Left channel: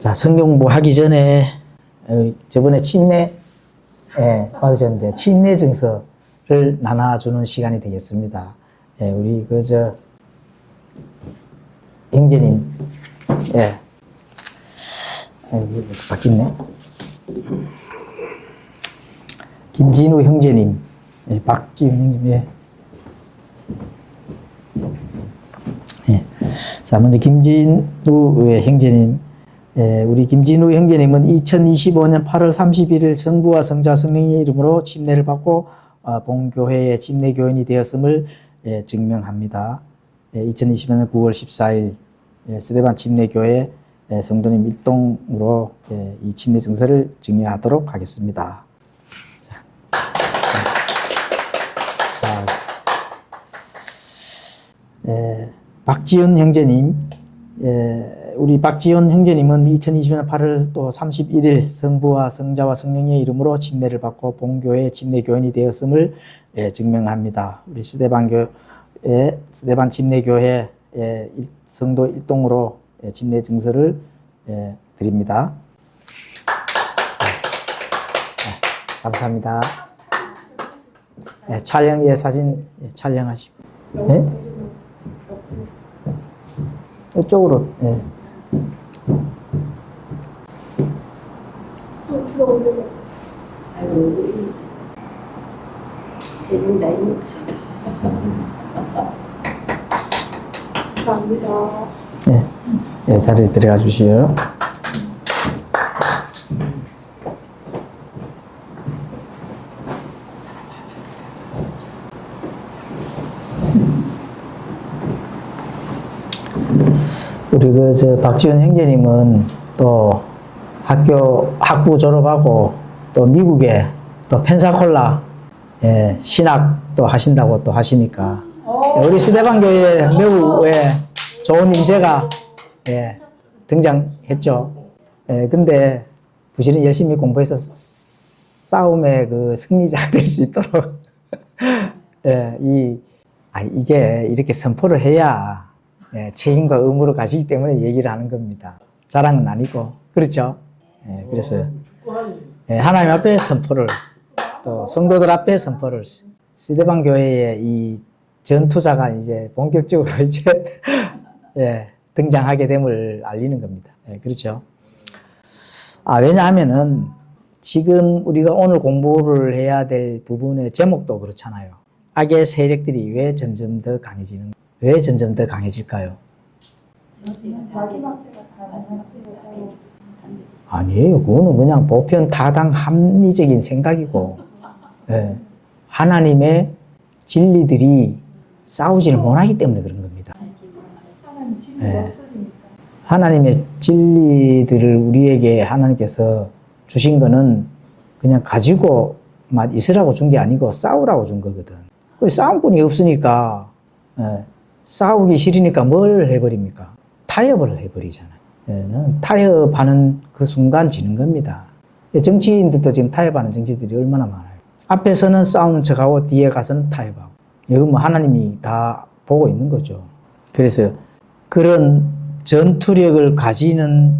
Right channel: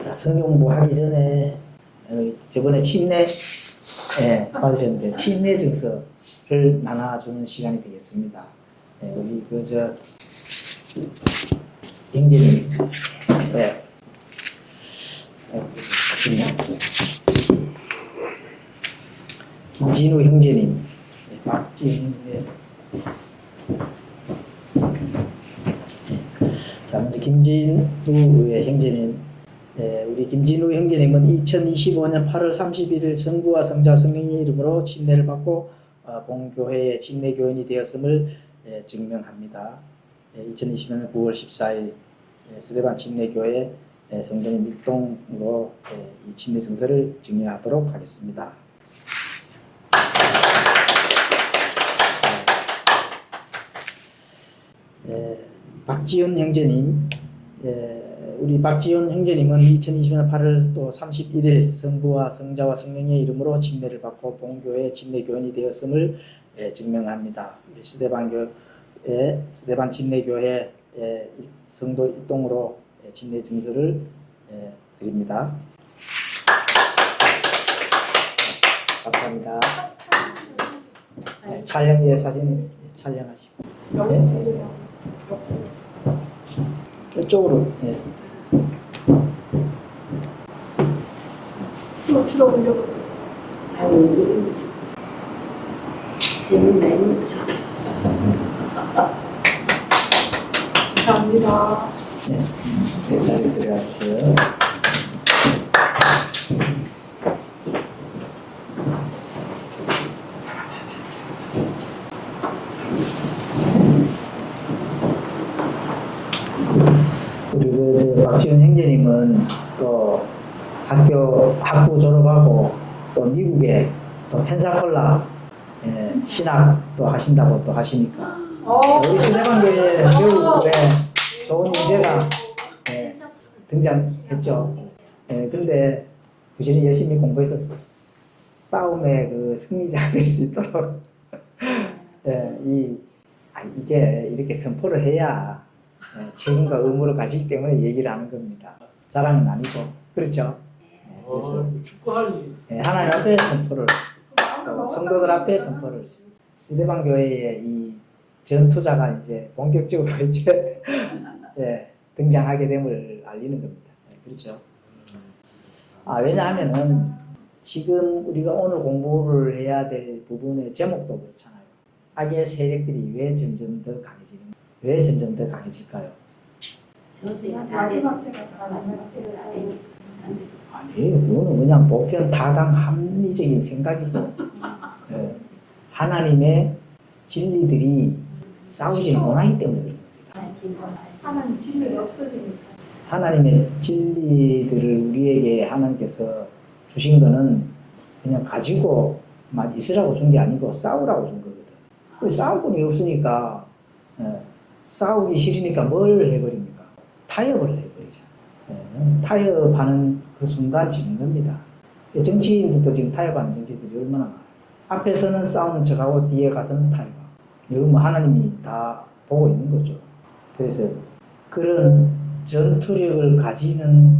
자, 성경 공부하기 전에 저번에 침례 받으셨는데 침례 증서를 나눠주는 시간이 되겠습니다. 우리 형제님, 바뀌네. 김진우 형제님, 박진우 형제님. 자, 먼저 김진우 형제님. 우리 김진우 형제님은 2025년 8월 31일 성부와 성자 성령의 이름으로 침례를 받고 본교회의 침례교인이 되었음을 증명합니다. 2020년 9월 14일 스데반 침례교회 성도님 일동으로 이 침례 증서를 증명하도록 하겠습니다. 박지훈 형제님, 우리 박지훈 형제님은 2020년 8월 또 31일 성부와 성자와 성령의 이름으로 침례를 받고 본교회 침례교인이 되었음을 증명합니다. 우리 스데반 침례교회 성도 일동으로 침례 증서를 드립니다. 감사합니다. 촬영 사진 촬영하시고. 네? 이쪽으로. 아유, 세는 나이 먹어서. 감사합니다. 네, 자리에 들어가 주시요. 우리 박지훈 형제님은 또 학부 졸업하고 또 미국에 또 펜사콜라 신학도 하신다고 또 하시니까 우리 스데반 교회에 매우 좋은 인재가 등장했죠. 근데 부실은 열심히 공부해서 싸움의 그 승리자가 될 수 있도록 이게 이렇게 선포를 해야 책임과 의무를 가지기 때문에 얘기를 하는 겁니다. 자랑은 아니고. 그렇죠? 그래서 하나님 앞에 선포를, 또 성도들 앞에 선포를, 스데반 교회의 이 전투자가 이제 본격적으로 이제 등장하게 됨을 알리는 겁니다. 그렇죠? 왜냐하면은 지금 우리가 오늘 공부를 해야 될 부분의 제목도 그렇잖아요. 악의 세력들이 왜 점점 더 강해질까요? 아니에요. 그거는 그냥 보편 타당 합리적인 생각이고, 하나님의 진리들이 싸우지를 못하기 때문에 그런 겁니다. 하나님의 진리들을 우리에게 하나님께서 주신 거는 그냥 가지고만 있으라고 준 게 아니고 싸우라고 준 거거든. 싸움꾼이 없으니까 싸우기 싫으니까 뭘 해버립니까? 타협을 해버리잖아요. 타협하는 그 순간 지는 겁니다. 정치인들도 지금 타협하는 정치인들이 얼마나 많아요. 앞에서는 싸우는 척하고 뒤에 가서는 타협하고. 이건 뭐 하나님이 다 보고 있는 거죠. 그래서 그런 전투력을 가지는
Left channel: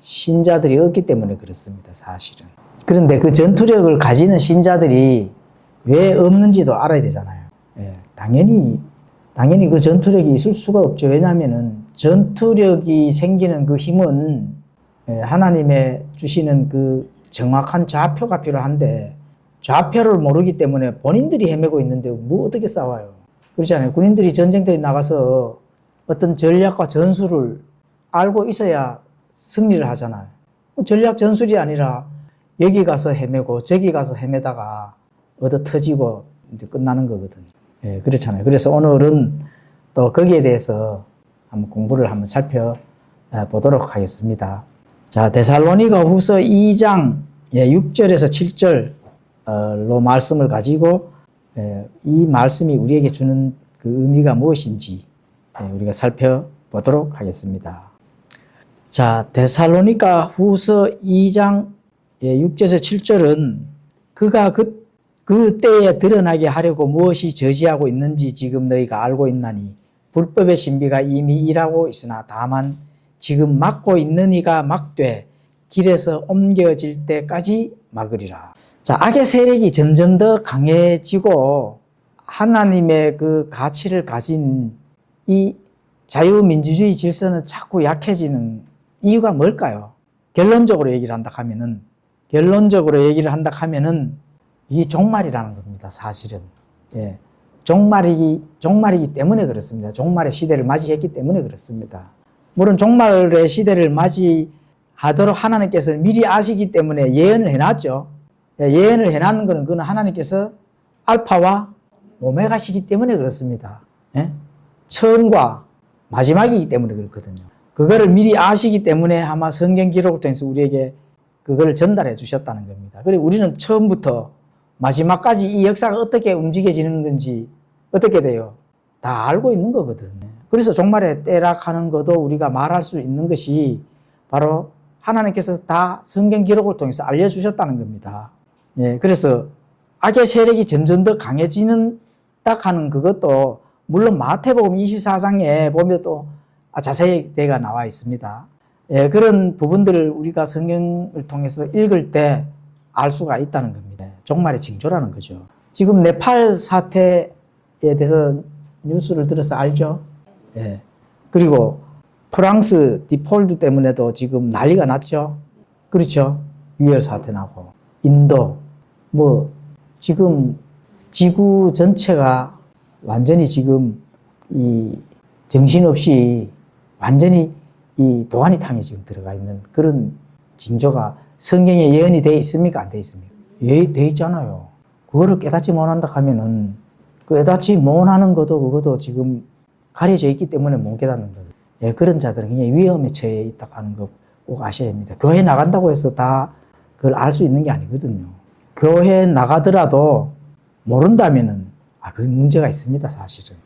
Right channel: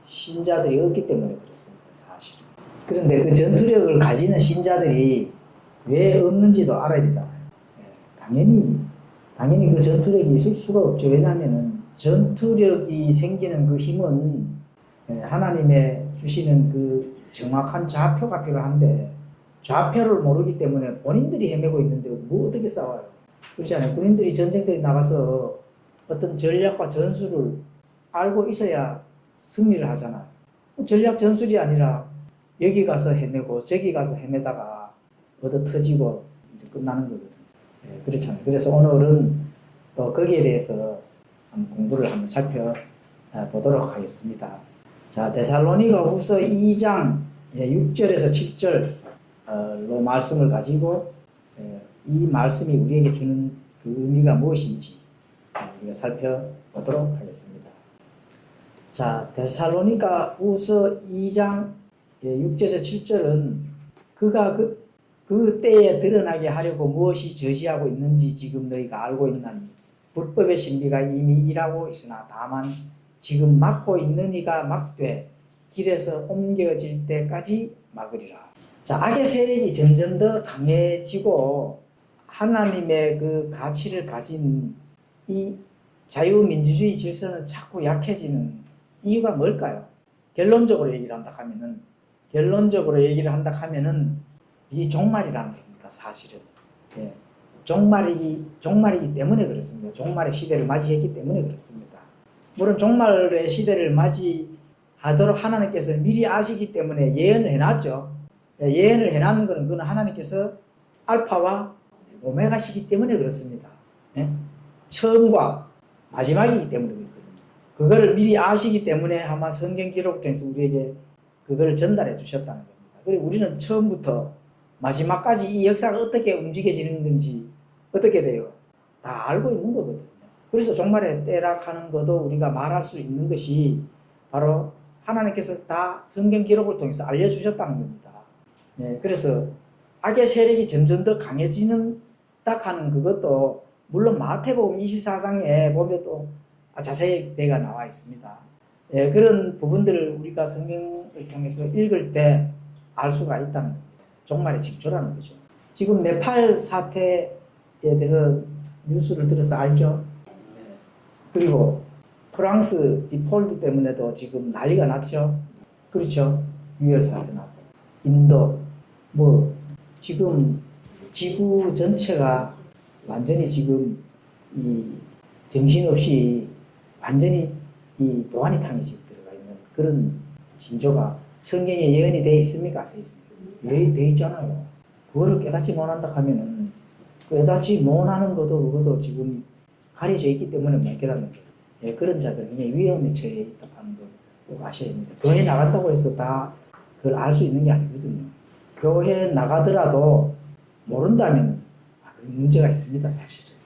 신자들이 없기 때문에 그렇습니다. 사실은. 그런데 그 전투력을 가지는 신자들이 왜 없는지도 알아야 되잖아요. 당연히 그 전투력이 있을 수가 없죠. 왜냐하면은 전투력이 생기는 그 힘은 하나님의 주시는 그 정확한 좌표가 필요한데 좌표를 모르기 때문에 본인들이 헤매고 있는데 뭐 어떻게 싸워요? 그렇지 않아요? 군인들이 전쟁터에 나가서 어떤 전략과 전술을 알고 있어야 승리를 하잖아요. 전략 전술이 아니라 여기 가서 헤매고 저기 가서 헤매다가 얻어 터지고 이제 끝나는 거거든요. 그렇잖아요. 그래서 오늘은 또 거기에 대해서 한번 공부를 한번 살펴보도록 하겠습니다. 자, 데살로니가 후서 2장 6절에서 7절로 말씀을 가지고 이 말씀이 우리에게 주는 그 의미가 무엇인지 우리가 살펴보도록 하겠습니다. 자, 데살로니가 후서 2장 6절에서 7절은 그가 그 때에 드러나게 하려고 무엇이 저지하고 있는지 지금 너희가 알고 있나니 불법의 신비가 이미 일하고 있으나 다만 지금 막고 있는 이가 막되 길에서 옮겨질 때까지 막으리라. 자, 악의 세력이 점점 더 강해지고 하나님의 그 가치를 가진 이 자유민주주의 질서는 자꾸 약해지는 이유가 뭘까요? 결론적으로 얘기를 한다 하면은 이 종말이라는 겁니다. 사실은. 예. 종말이기 때문에 그렇습니다. 종말의 시대를 맞이했기 때문에 그렇습니다. 물론 종말의 시대를 맞이하도록 하나님께서 미리 아시기 때문에 예언을 해놨죠. 예언을 해놨는 것은 그건 하나님께서 알파와 오메가시기 때문에 그렇습니다. 예? 처음과 마지막이기 때문에 그렇거든요. 그거를 미리 아시기 때문에 아마 성경 기록을 통해서 우리에게 그걸 전달해 주셨다는 겁니다. 그리고 우리는 처음부터 마지막까지 이 역사가 어떻게 움직여지는 건지 어떻게 돼요? 다 알고 있는 거거든요. 그래서 종말에 때락하는 것도 우리가 말할 수 있는 것이 바로 하나님께서 다 성경 기록을 통해서 알려주셨다는 겁니다. 네, 그래서 악의 세력이 점점 더 강해지는 딱 하는 그것도 물론 마태복음 24장에 보면 또 자세히 내가 나와 있습니다. 예, 그런 부분들을 우리가 성경을 통해서 읽을 때 알 수가 있다는 겁니다. 종말의 징조라는 거죠. 지금 네팔 사태에 대해서 뉴스를 들어서 알죠? 예. 그리고 프랑스 디폴트 때문에도 지금 난리가 났죠? 그렇죠? 유혈 사태 나고. 인도, 지금 지구 전체가 완전히 지금 이 정신없이 완전히 이 도가니탕에 지금 들어가 있는 그런 징조가 성경에 예언이 되어 있습니까? 안 되어 있습니까? 예, 되어 있잖아요. 그거를 깨닫지 못한다 하면은 깨닫지 못하는 그것도 지금 가려져 있기 때문에 못 깨닫는 거예요. 예, 그런 자들은 굉장히 위험에 처해 있다고 하는 거 꼭 아셔야 됩니다. 교회 나간다고 해서 다 그걸 알 수 있는 게 아니거든요. 교회 나가더라도 모른다면은 그 문제가 있습니다, 사실은.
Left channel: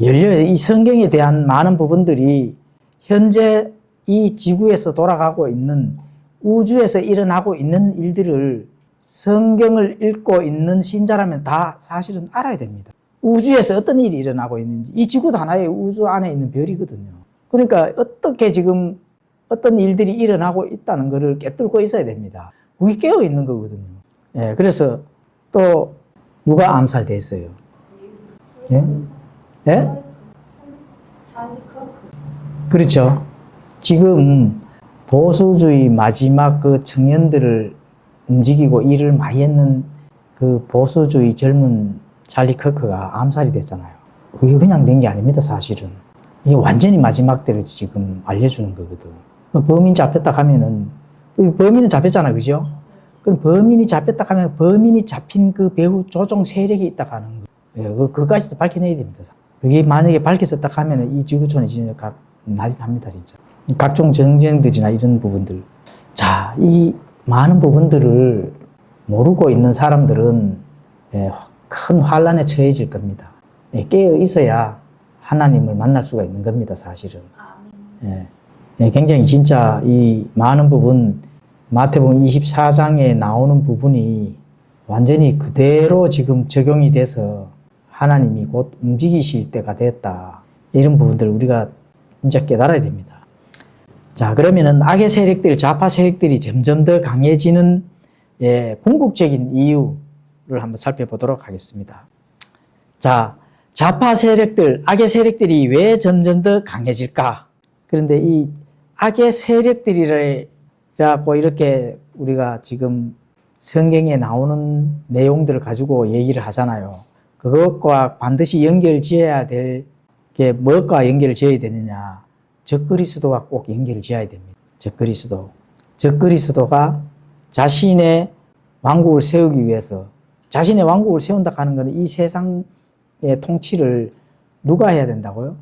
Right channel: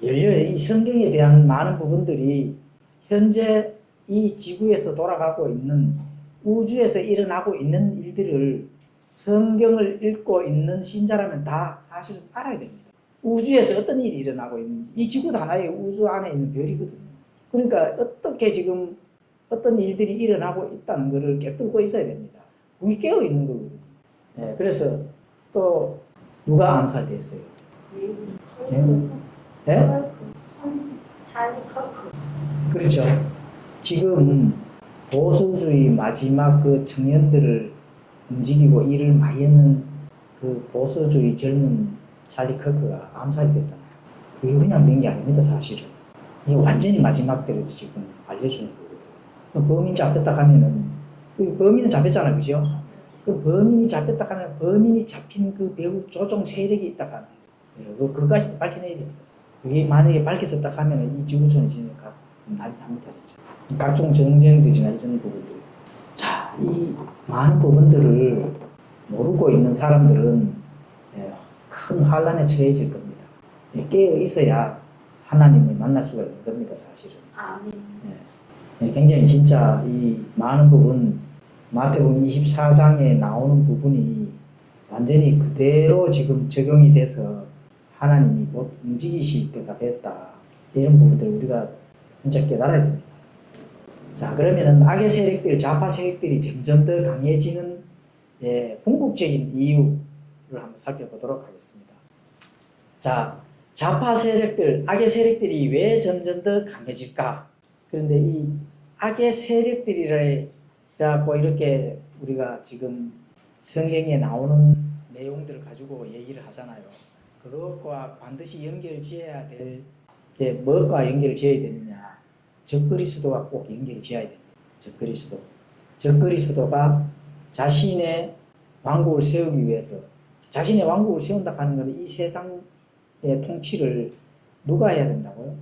이 성경에 대한 많은 부분들이 현재 이 지구에서 돌아가고 있는 우주에서 일어나고 있는 일들을 성경을 읽고 있는 신자라면 다 사실은 알아야 됩니다. 우주에서 어떤 일이 일어나고 있는지. 이 지구도 하나의 우주 안에 있는 별이거든요. 그러니까 어떻게 지금 어떤 일들이 일어나고 있다는 것을 깨뚫고 있어야 됩니다. 그게 깨어 있는 거거든요. 예, 그래서 또 누가 암살됐어요? 예? 예? 그렇죠. 지금 보수주의 마지막 그 청년들을 움직이고 일을 많이 했는 그 보수주의 젊은 찰리 커크가 암살이 됐잖아요. 그게 그냥 된 게 아닙니다, 사실은. 이게 완전히 마지막 때를 지금 알려주는 거거든. 범인 잡혔다 하면은, 범인은 잡혔잖아요, 그죠? 그럼 범인이 잡혔다 하면 범인이 잡힌 그 배후 조종 세력이 있다 하는 거예요. 예, 그것까지도 밝혀내야 됩니다. 그게 만약에 밝혀졌다 하면은 이 지구촌이 진짜 난리 납니다, 진짜. 각종 정쟁들이나 이런 부분들. 자, 이 많은 부분들을 모르고 있는 사람들은 큰 환란에 처해질 겁니다. 깨어 있어야 하나님을 만날 수가 있는 겁니다, 사실은. 굉장히 진짜 이 많은 부분, 마태복음 24장에 나오는 부분이 완전히 그대로 지금 적용이 돼서 하나님이 곧 움직이실 때가 됐다. 이런 부분들을 우리가 진짜 깨달아야 됩니다. 자, 그러면은 악의 세력들, 좌파 세력들이 점점 더 강해지는 궁극적인 이유를 한번 살펴보도록 하겠습니다. 자, 좌파 세력들, 악의 세력들이 왜 점점 더 강해질까? 그런데 이 악의 세력들이라고 이렇게 우리가 지금 성경에 나오는 내용들을 가지고 얘기를 하잖아요. 그것과 반드시 연결 지어야 될 게 무엇과 연결을 지어야 되느냐? 적그리스도와 꼭 연결을 지어야 됩니다. 적그리스도가 자신의 왕국을 세우기 위해서 자신의 왕국을 세운다 하는 것은 이 세상의 통치를 누가 해야 된다고요?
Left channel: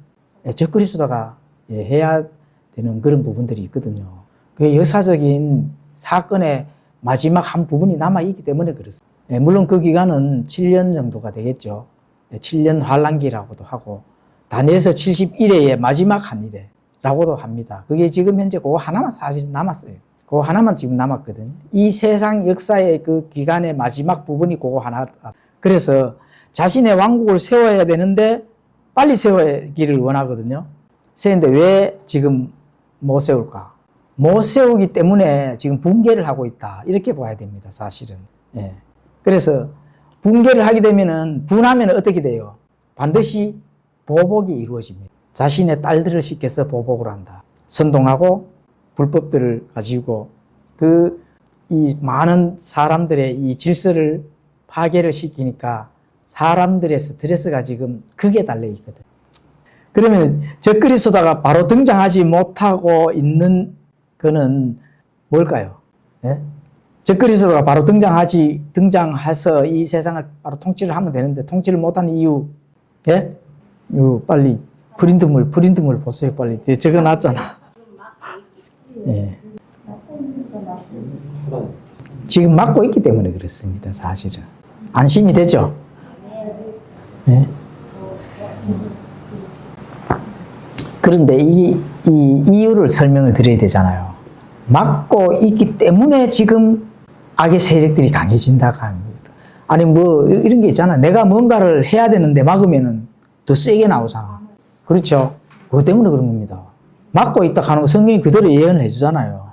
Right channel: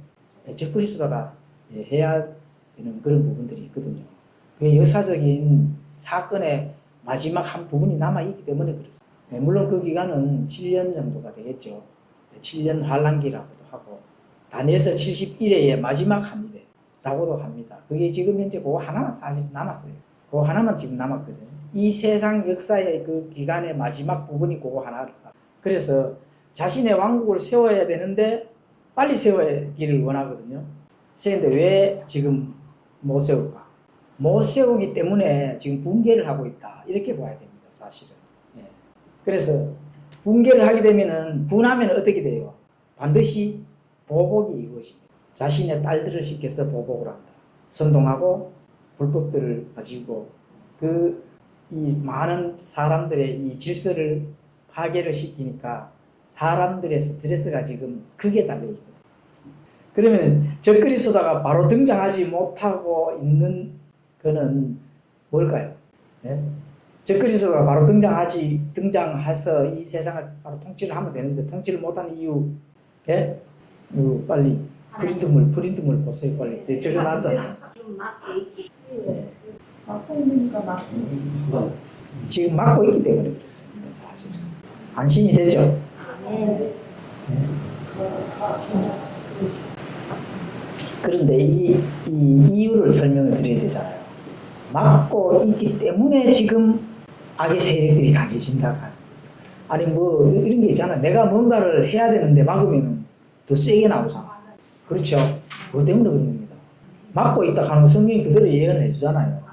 적그리스도가 해야 되는 그런 부분들이 있거든요. 그 역사적인 사건의 마지막 한 부분이 남아있기 때문에 그렇습니다. 물론 그 기간은 7년 정도가 되겠죠. 7년 환란기라고도 하고 다니엘서 71회의 마지막 한 일에라고도 합니다. 그게 지금 현재 그거 하나만 사실 남았어요. 그거 하나만 지금 남았거든요. 이 세상 역사의 그 기간의 마지막 부분이 그거 하나. 그래서 자신의 왕국을 세워야 되는데 빨리 세우기를 원하거든요. 세우는데 왜 지금 못 세울까? 못 세우기 때문에 지금 붕괴를 하고 있다. 이렇게 봐야 됩니다, 사실은. 예. 그래서 붕괴를 하게 되면은, 분하면 어떻게 돼요? 반드시 보복이 이루어집니다. 자신의 딸들을 시켜서 보복을 한다. 선동하고 불법들을 가지고 이 많은 사람들의 이 질서를 파괴를 시키니까 사람들의 스트레스가 지금 극에 달려 있거든. 그러면 적그리스도가 바로 등장하지 못하고 있는 거는 뭘까요? 예? 적그리스도가 바로 등장해서 이 세상을 바로 통치를 하면 되는데 통치를 못하는 이유, 예? 빨리 프린트물 보세요, 빨리. 적어놨잖아. 예. 지금 막고 있기 때문에 그렇습니다, 사실은. 안심이 되죠? 예? 그런데 이 이유를 설명을 드려야 되잖아요. 막고 있기 때문에 지금 악의 세력들이 강해진다고 하는 겁니다. 아니, 뭐, 이런 게 있잖아. 내가 뭔가를 해야 되는데 막으면은 더 세게 나오잖아. 그렇죠? 그것 때문에 그런 겁니다. 막고 있다 하는 거 성경이 그대로 예언을 해주잖아요.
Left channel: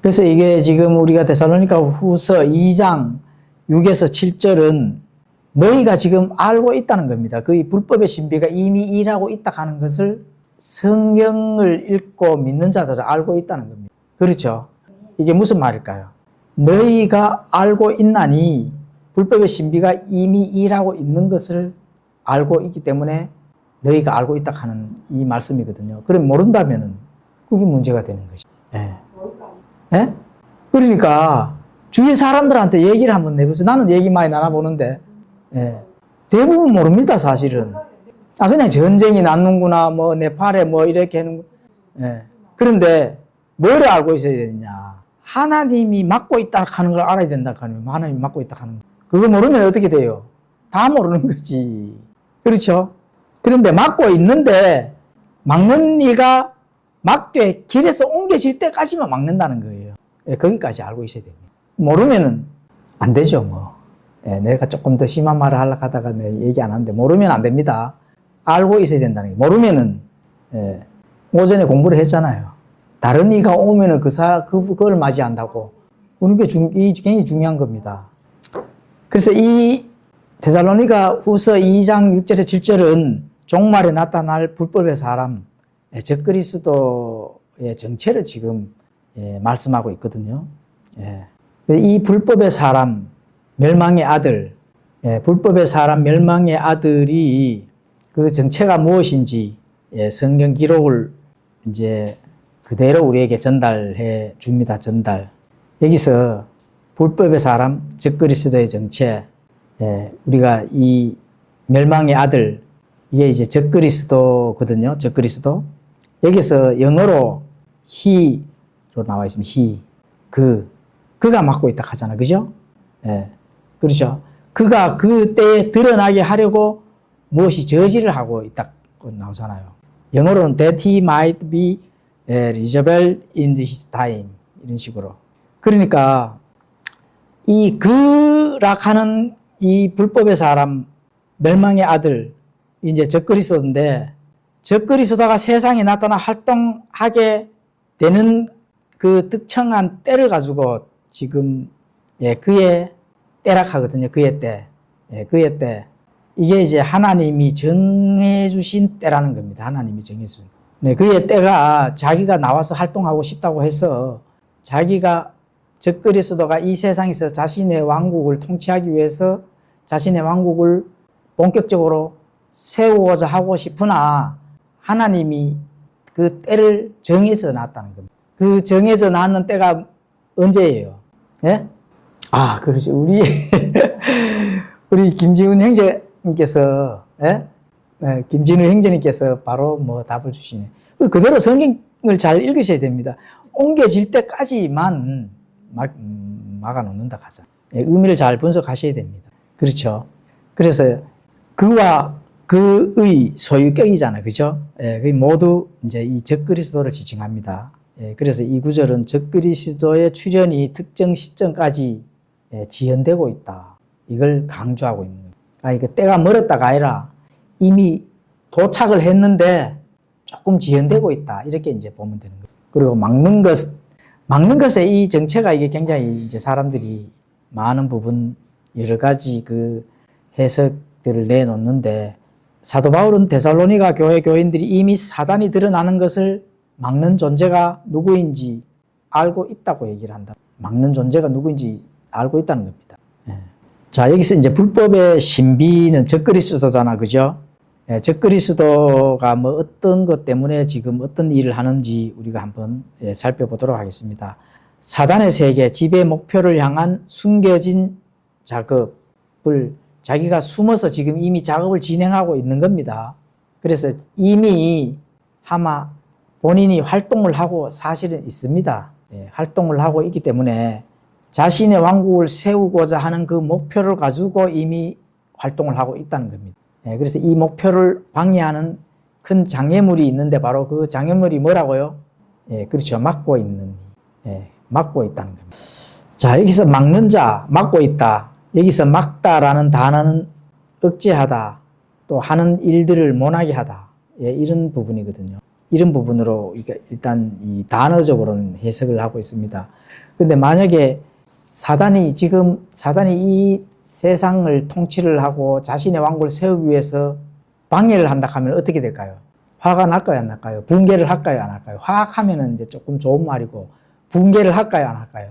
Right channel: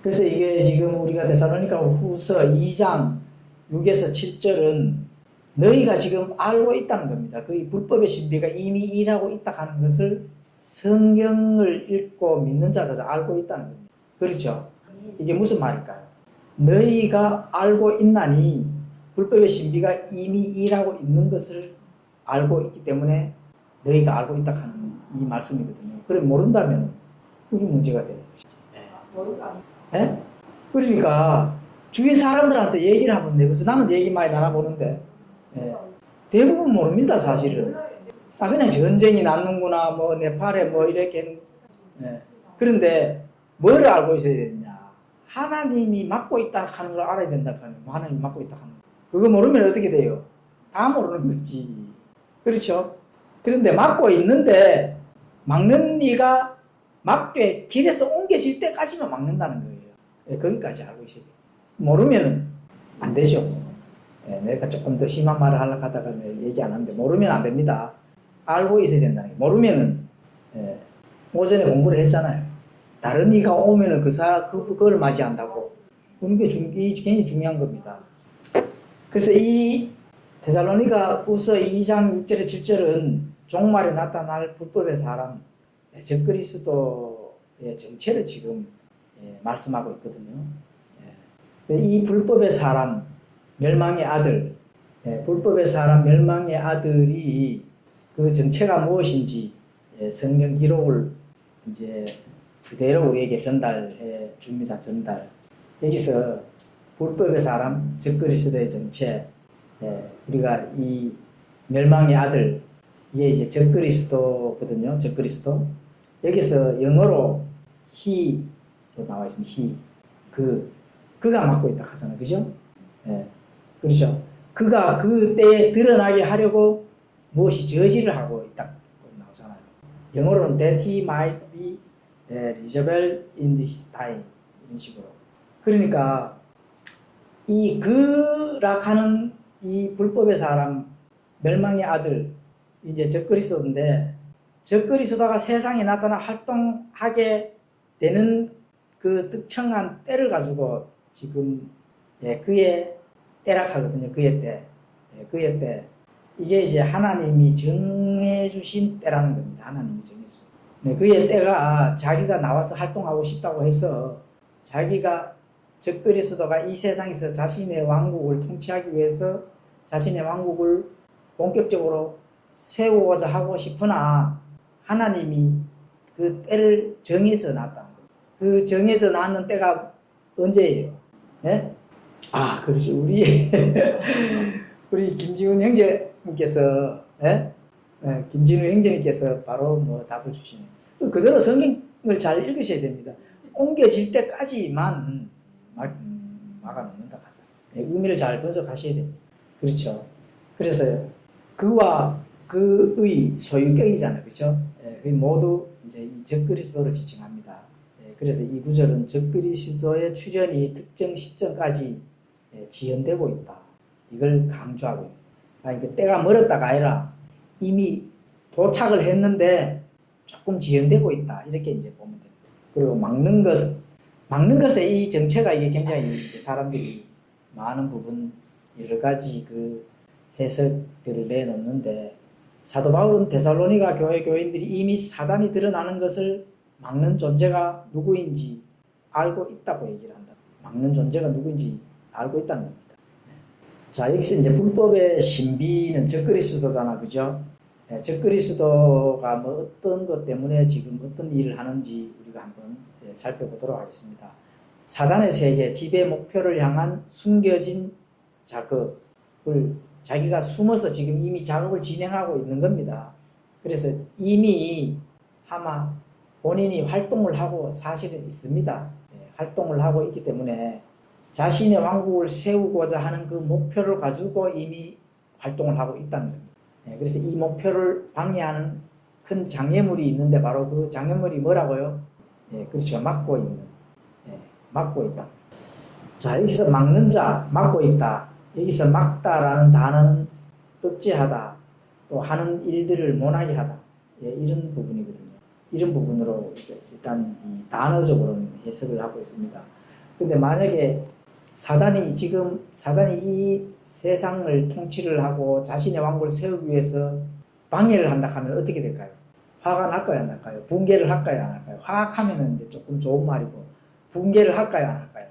그래서 이게 지금 우리가 데살로니가 후서 2장 6에서 7절은 너희가 지금 알고 있다는 겁니다. 그 불법의 신비가 이미 일하고 있다 하는 것을 성경을 읽고 믿는 자들은 알고 있다는 겁니다. 그렇죠? 이게 무슨 말일까요? 너희가 알고 있나니 불법의 신비가 이미 일하고 있는 것을 알고 있기 때문에 너희가 알고 있다 하는 이 말씀이거든요. 그럼 모른다면은 그게 문제가 되는 것이죠. 예. 예? 그러니까 주위 사람들한테 얘기를 한번 내보세요. 나는 얘기 많이 나눠보는데 예. 대부분 모릅니다, 사실은. 그냥 전쟁이 났는구나, 뭐 네팔에 뭐 이렇게 하는. 예. 그런데 뭐를 알고 있어야 되느냐? 하나님이 막고 있다 하는 걸 알아야 된다 하는 거예요. 하나님이 막고 있다 하는 거. 그거 모르면 어떻게 돼요? 다 모르는 거지. 그렇죠? 그런데 막고 있는데 막는 이가 막되 길에서 옮겨질 때까지만 막는다는 거예요. 예, 거기까지 알고 있어야 됩니다. 모르면은 안 되죠, 뭐. 예, 내가 조금 더 심한 말을 하려고 하다가 얘기 안 하는데 모르면 안 됩니다. 알고 있어야 된다는 거예요. 모르면은 오전에 공부를 했잖아요. 다른 이가 오면은 그걸 맞이한다고. 그게 굉장히 중요한 겁니다. 그래서 이 데살로니가 후서 2장 6절에 7절은 종말에 나타날 불법의 사람, 적그리스도의 정체를 지금 말씀하고 있거든요. 이 불법의 사람, 멸망의 아들, 불법의 사람, 멸망의 아들이 그 정체가 무엇인지 성경 기록을 이제 그대로 우리에게 전달해 줍니다. 전달. 여기서 불법의 사람, 적그리스도의 정체, 우리가 이 멸망의 아들, 이게 이제 적그리스도거든요. 적그리스도. 여기서 영어로 he로 나와 있습니다. he. 그가 맡고 있다 하잖아. 그죠? 그렇죠. 그가 그 때에 드러나게 하려고 무엇이 저지를 하고 있다고 나오잖아요. 영어로는 that he might be reachable in his time. 이런 식으로. 그러니까 이 그락하는 이 불법의 사람, 멸망의 아들, 이제 적그리스도인데 적그리스도가 세상에 나타나 활동하게 되는 그 특정한 때를 가지고 지금 그의 때락하거든요. 그의 때. 그의 때. 이게 이제 하나님이 정해주신 때라는 겁니다. 하나님이 정해주신. 그의 때가 자기가 나와서 활동하고 싶다고 해서 자기가 적그리스도가 이 세상에서 자신의 왕국을 통치하기 위해서 자신의 왕국을 본격적으로 세우고자 하고 싶으나 하나님이 그 때를 정해서 놨다는 겁니다. 그 정해져 놨는 때가 언제예요? 예? 그렇지. 우리 김지훈 형제님께서, 김진우 형제님께서 바로 뭐 답을 주시네. 그대로 성경을 잘 읽으셔야 됩니다. 옮겨질 때까지만 막아놓는다 하자. 의미를 잘 분석하셔야 됩니다. 그렇죠. 그래서 그와 그의 소유격이잖아요. 그죠? 그 모두 이제 이 적그리스도를 지칭합니다. 그래서 이 구절은 적그리스도의 출현이 특정 시점까지 지연되고 있다. 이걸 강조하고 있는 거예요. 그러니까 때가 멀었다가 아니라 이미 도착을 했는데 조금 지연되고 있다. 이렇게 이제 보면 되는 거예요. 그리고 막는 것에 이 정체가 이게 굉장히 이제 사람들이 많은 부분 여러 가지 그 해석들을 내놓는데 사도 바울은 데살로니가 교회 교인들이 이미 사단이 드러나는 것을 막는 존재가 누구인지 알고 있다고 얘기를 한다. 막는 존재가 누구인지 알고 있다는 겁니다. 자, 여기서 이제 불법의 신비는 적그리스도잖아, 그죠? 적그리스도가 뭐 어떤 것 때문에 지금 어떤 일을 하는지 우리가 한번 살펴보도록 하겠습니다. 사단의 세계, 지배 목표를 향한 숨겨진 작업을 자기가 숨어서 지금 이미 작업을 진행하고 있는 겁니다. 그래서 이미 아마 본인이 활동을 하고 사실은 있습니다. 활동을 하고 있기 때문에 자신의 왕국을 세우고자 하는 그 목표를 가지고 이미 활동을 하고 있다는 겁니다. 그래서 이 목표를 방해하는 큰 장애물이 있는데 바로 그 장애물이 뭐라고요? 그렇죠. 막고 있다는 겁니다. 자, 여기서 막는 자, 막고 있다. 여기서 막다라는 단어는 억제하다, 또 하는 일들을 못하게 하다. 이런 부분이거든요. 이런 부분으로 일단 이 단어적으로는 해석을 하고 있습니다. 근데 만약에 사단이 이 세상을 통치를 하고 자신의 왕국을 세우기 위해서 방해를 한다 하면 어떻게 될까요? 화가 날까요, 안 날까요? 붕괴를 할까요, 안 할까요? 화학하면은 이제 조금 좋은 말이고, 붕괴를 할까요, 안 할까요?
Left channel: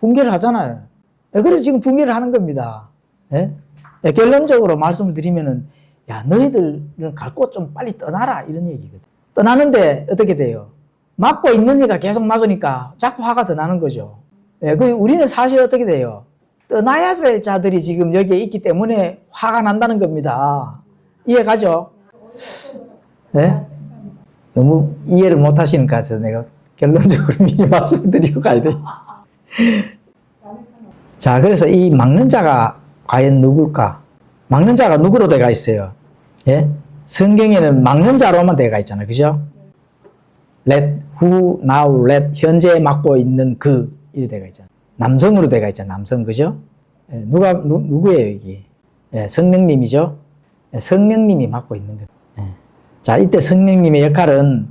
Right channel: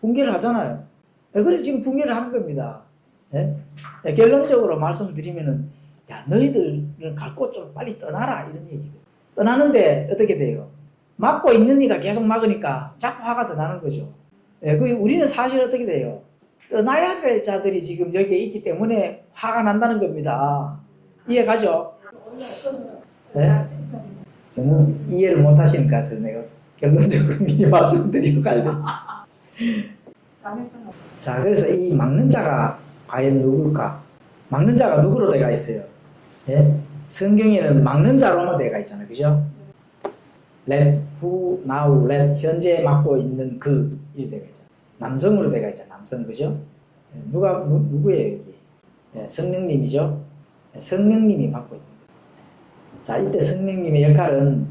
붕괴를 하잖아요. 그래서 지금 붕괴를 하는 겁니다. 결론적으로 말씀을 드리면은, 야, 너희들은 갈 곳 좀 빨리 떠나라, 이런 얘기거든. 떠나는데 어떻게 돼요? 막고 있는 이가 계속 막으니까 자꾸 화가 더 나는 거죠. 우리는 사실 어떻게 돼요? 떠나야 될 자들이 지금 여기에 있기 때문에 화가 난다는 겁니다. 이해가죠? 네? 너무 이해를 못 하시니까 내가 결론적으로 미리 말씀드리고 가야 돼. 자, 그래서 이 막는 자가 과연 누굴까? 막는 자가 누구로 되어 있어요? 예? 성경에는 막는 자로만 되어 있잖아요. 그죠? let, who, now, let, 현재 막고 있는 그, 이 되어 있잖아요. 남성으로 되어 있잖아요. 남성, 그죠? 누구예요, 이게? 성령님이죠? 성령님이 맡고 있는 거예요. 자, 이때 성령님의 역할은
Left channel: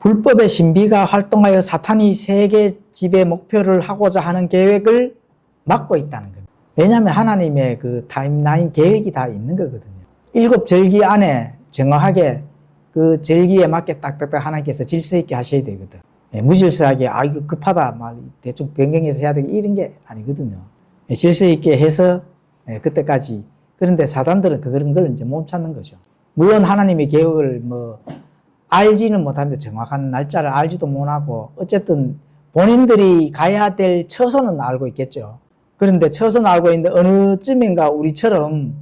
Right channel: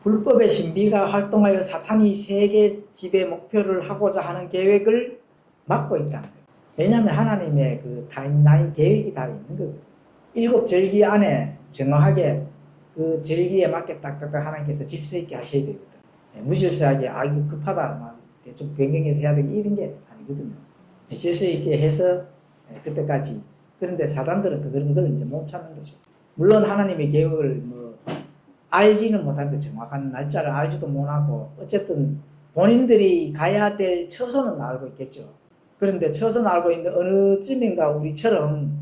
불법의 신비가 활동하여 사탄이 세계 지배 목표를 하고자 하는 계획을 막고 있다는 거예요. 왜냐하면 하나님의 그 타임라인 계획이 다 있는 거거든요. 7 절기 안에 정확하게 그 절기에 맞게 딱딱딱 하나님께서 질서 있게 하셔야 되거든. 무질서하게 이거 급하다 막 대충 변경해서 해야 되게 이런 게 아니거든요. 질서 있게 해서 그때까지. 그런데 사단들은 그런 걸 이제 못 찾는 거죠. 물론 하나님의 계획을 뭐 알지는 못합니다. 정확한 날짜를 알지도 못하고 어쨌든 본인들이 가야 될 처소는 알고 있겠죠. 그런데 처소는 알고 있는데 어느 쯤인가 우리처럼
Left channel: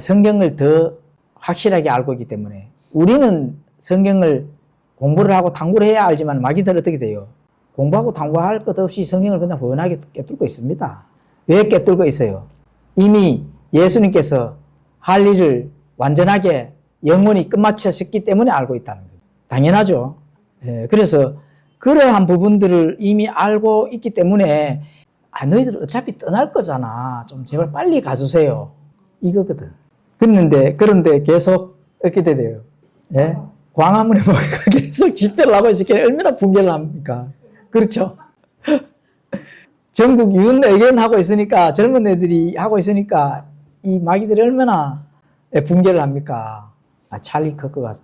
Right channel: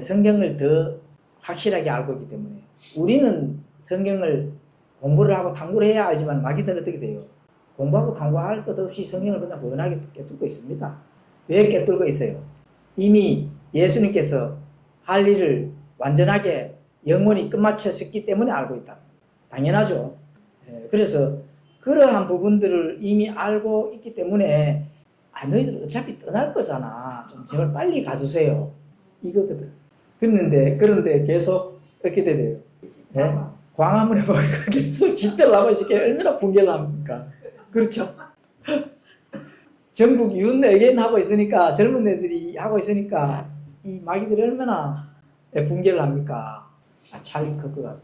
성경을 더 확실하게 알고 있기 때문에 우리는 성경을 공부를 하고 탐구를 해야 알지만 마귀들은 어떻게 돼요? 공부하고 탐구할 것 없이 성경을 그냥 훤하게 깨뚫고 있습니다. 왜 깨뚫고 있어요? 이미 예수님께서 할 일을 완전하게 영원히 끝마쳤기 때문에 알고 있다는 거예요. 당연하죠. 그래서 그러한 부분들을 이미 알고 있기 때문에 너희들 어차피 떠날 거잖아. 좀 제발 빨리 가주세요. 이거거든. 그런데 계속 어떻게 돼요? 광화문에 모이가 계속 집회를 하고 있으니까 얼마나 붕괴를 합니까? 그렇죠? 전국 유언의견 하고 있으니까 젊은 애들이 하고 있으니까 이 마귀들이 얼마나 붕괴를 합니까? 찰리 커크가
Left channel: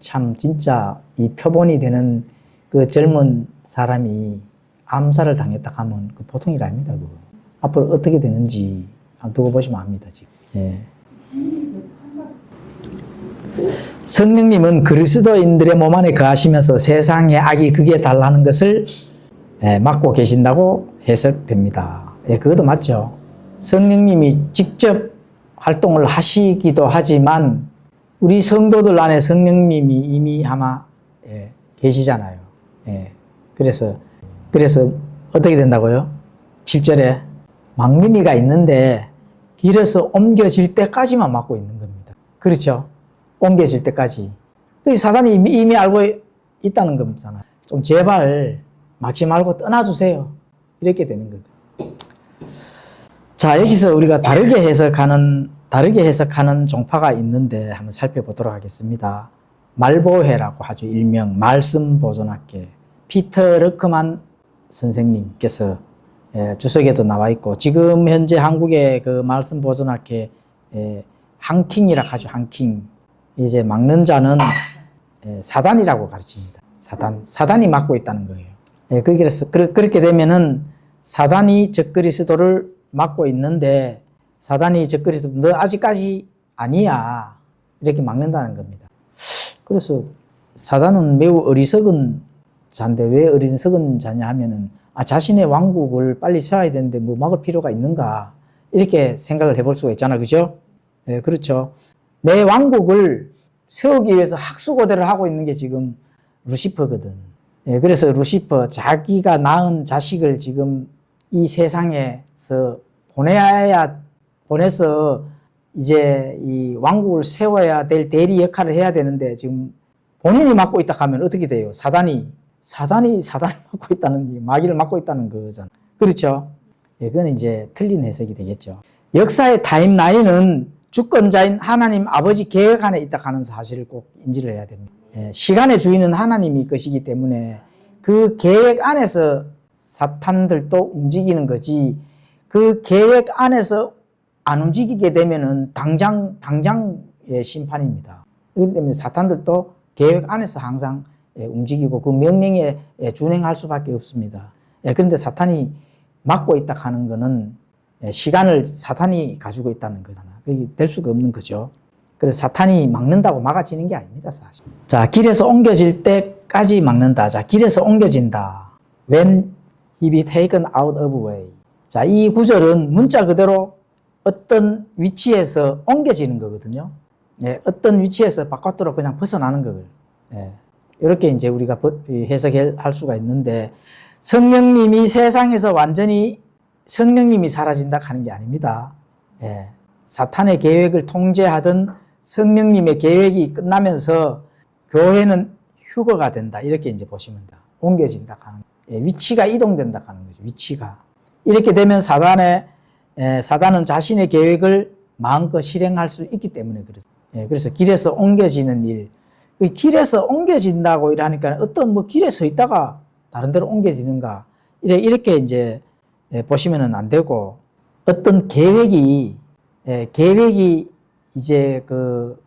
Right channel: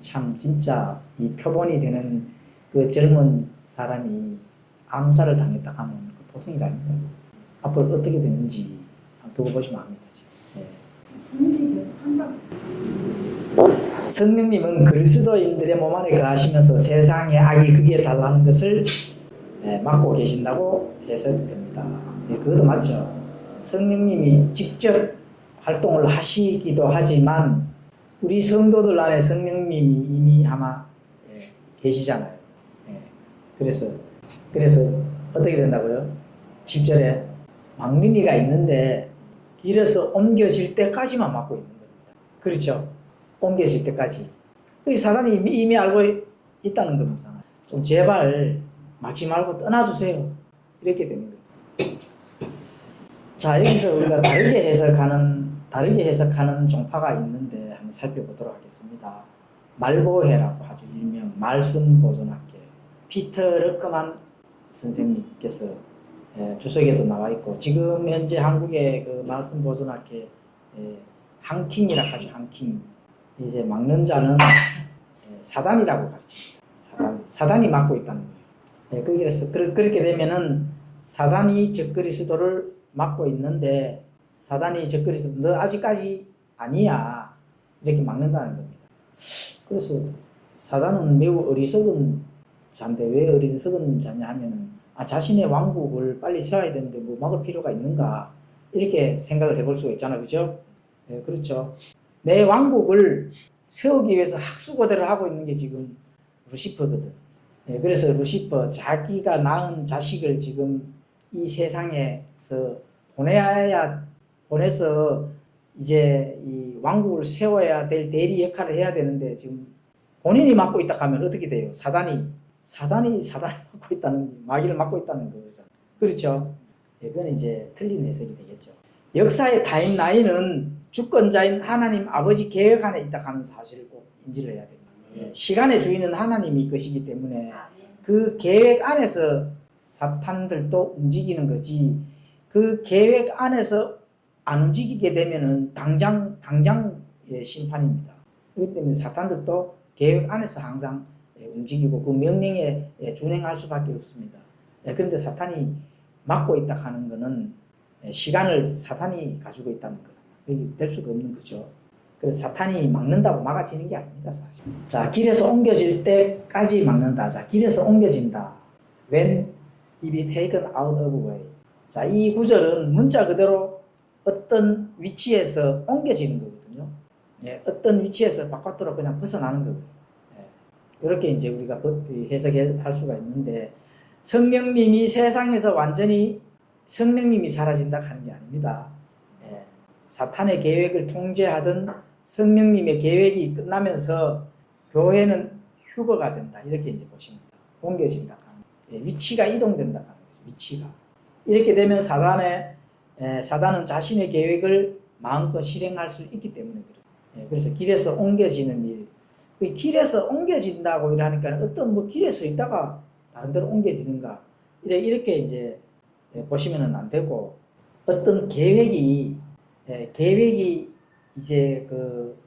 참 진짜 이 표본이 되는 그 젊은 사람이 암살을 당했다 하면 그 보통이 아닙니다. 그거. 앞으로 어떻게 되는지 한번 두고 보시면 압니다. 지금. 성령님은 그리스도인들의 몸 안에 거하시면서 세상의 악이 극에 달하는 것을 막고 계신다고 해석됩니다. 그것도 맞죠. 성령님이 직접 활동을 하시기도 하지만 우리 성도들 안에 성령님이 이미 아마 계시잖아요. 그래서 어떻게 된다고요? 7절에 막는 이가 있는데 길에서 옮겨질 때까지만 막고 있는 겁니다. 그렇죠? 옮겨질 때까지. 사단이 이미 알고 있다는 거잖아요. 좀 제발 막지 말고 떠나주세요. 이렇게 되는 거죠. 자, 여기서 우리가 다르게 해석하는 종파가 있는데 한번 살펴보도록 하겠습니다. 말보회라고 하죠. 일명 말씀보존학회. 피터 르크만 선생님께서 주석에도 나와 있고, 지금 현재 한국의 그 말씀보존학회 한킹이라고 하죠. 한킹. 이제 막는 자는 사단이라고 가르칩니다. 사단이 막고 있다는 거예요. 그래서 그렇게 되면은 사단이 적그리스도를 막고 있는데, 사단이 적그리스도 너 아직까지 아니야, 이렇게 막는다는 겁니다. 그래서 사단은 매우 어리석은 자인데, 왜 어리석은 자냐 하면은 자신의 왕국을 빨리 세워야 되는데 뭐 막을 필요가 있는가, 이렇게 생각을 해볼 수가 있잖아, 그죠? 그렇죠. 내 왕국을 세우기 위해서 학수고대를 하고 있는 게 지금 루시퍼거든. 그래서 루시퍼, 자기가 낳은 자식을 지금 이 세상에서 보내서 이제 이 왕국을 세워야 될 대리 역할을 해야 되는데, 지금 본인이 맡고 있다 하면 어떻게 돼요? 사단이 맡고 있다는 게, 마귀를 맡고 있다는 거잖아. 그렇죠? 그건 이제 틀린 해석이 되겠죠. 역사의 타임라인은 주권자인 하나님 아버지 계획 안에 있다 하는 사실을 꼭 인지를 해야 됩니다. 시간의 주인은 하나님이 것이기 때문에 그 계획 안에서 사탄들도 움직이는 거지, 그 계획 안에서 안 움직이게 되면은 당장의 심판입니다. 그렇기 때문에 사탄들도 계획 안에서 항상 움직이고 그 명령에 준행할 수밖에 없습니다. 그런데 사탄이 막고 있다 하는 거는 시간을 사탄이 가지고 있다는 거잖아. 그게 될 수가 없는 거죠. 그래서 사탄이 막는다고 막아지는 게 아닙니다, 사실. 자, 길에서 옮겨질 때까지 막는다. 자, 길에서 옮겨진다. When he be taken out of way. 자, 이 구절은 문자 그대로 어떤 위치에서 옮겨지는 거거든요. 어떤 위치에서 바깥으로 그냥 벗어나는 거예요. 이렇게 이제 우리가 해석할 수가 있는데, 성령님이 세상에서 완전히 성령님이 사라진다 하는 게 아닙니다. 사탄의 계획을 통제하던 성령님의 계획이 끝나면서 교회는 휴거가 된다, 이렇게 이제 보시면 돼요. 옮겨진다 하는, 위치가 이동된다 하는 거죠. 위치가 이렇게 되면 사단은 자신의 계획을 마음껏 실행할 수 있기 때문에 그렇습니다. 그래서 길에서 옮겨지는 일, 길에서 옮겨진다고 이러니까 어떤 뭐 길에 서 있다가 다른 데로 옮겨지는가, 이렇게 이제 보시면은 안 되고, 어떤 계획이 이제 그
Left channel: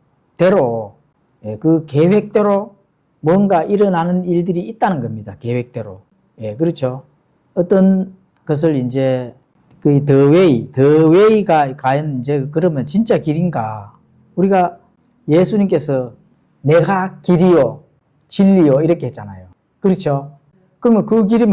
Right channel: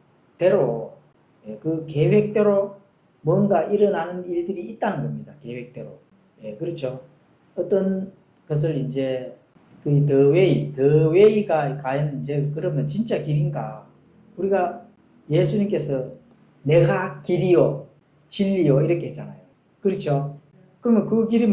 계획대로 뭔가 일어나는 일들이 있다는 겁니다. 계획대로. 그렇죠. 어떤 것을 이제 그 the way가 과연 이제 그러면 진짜 길인가? 우리가 예수님께서 내가 길이요 진리요 이렇게 했잖아요. 그렇죠. 그러면 그 길이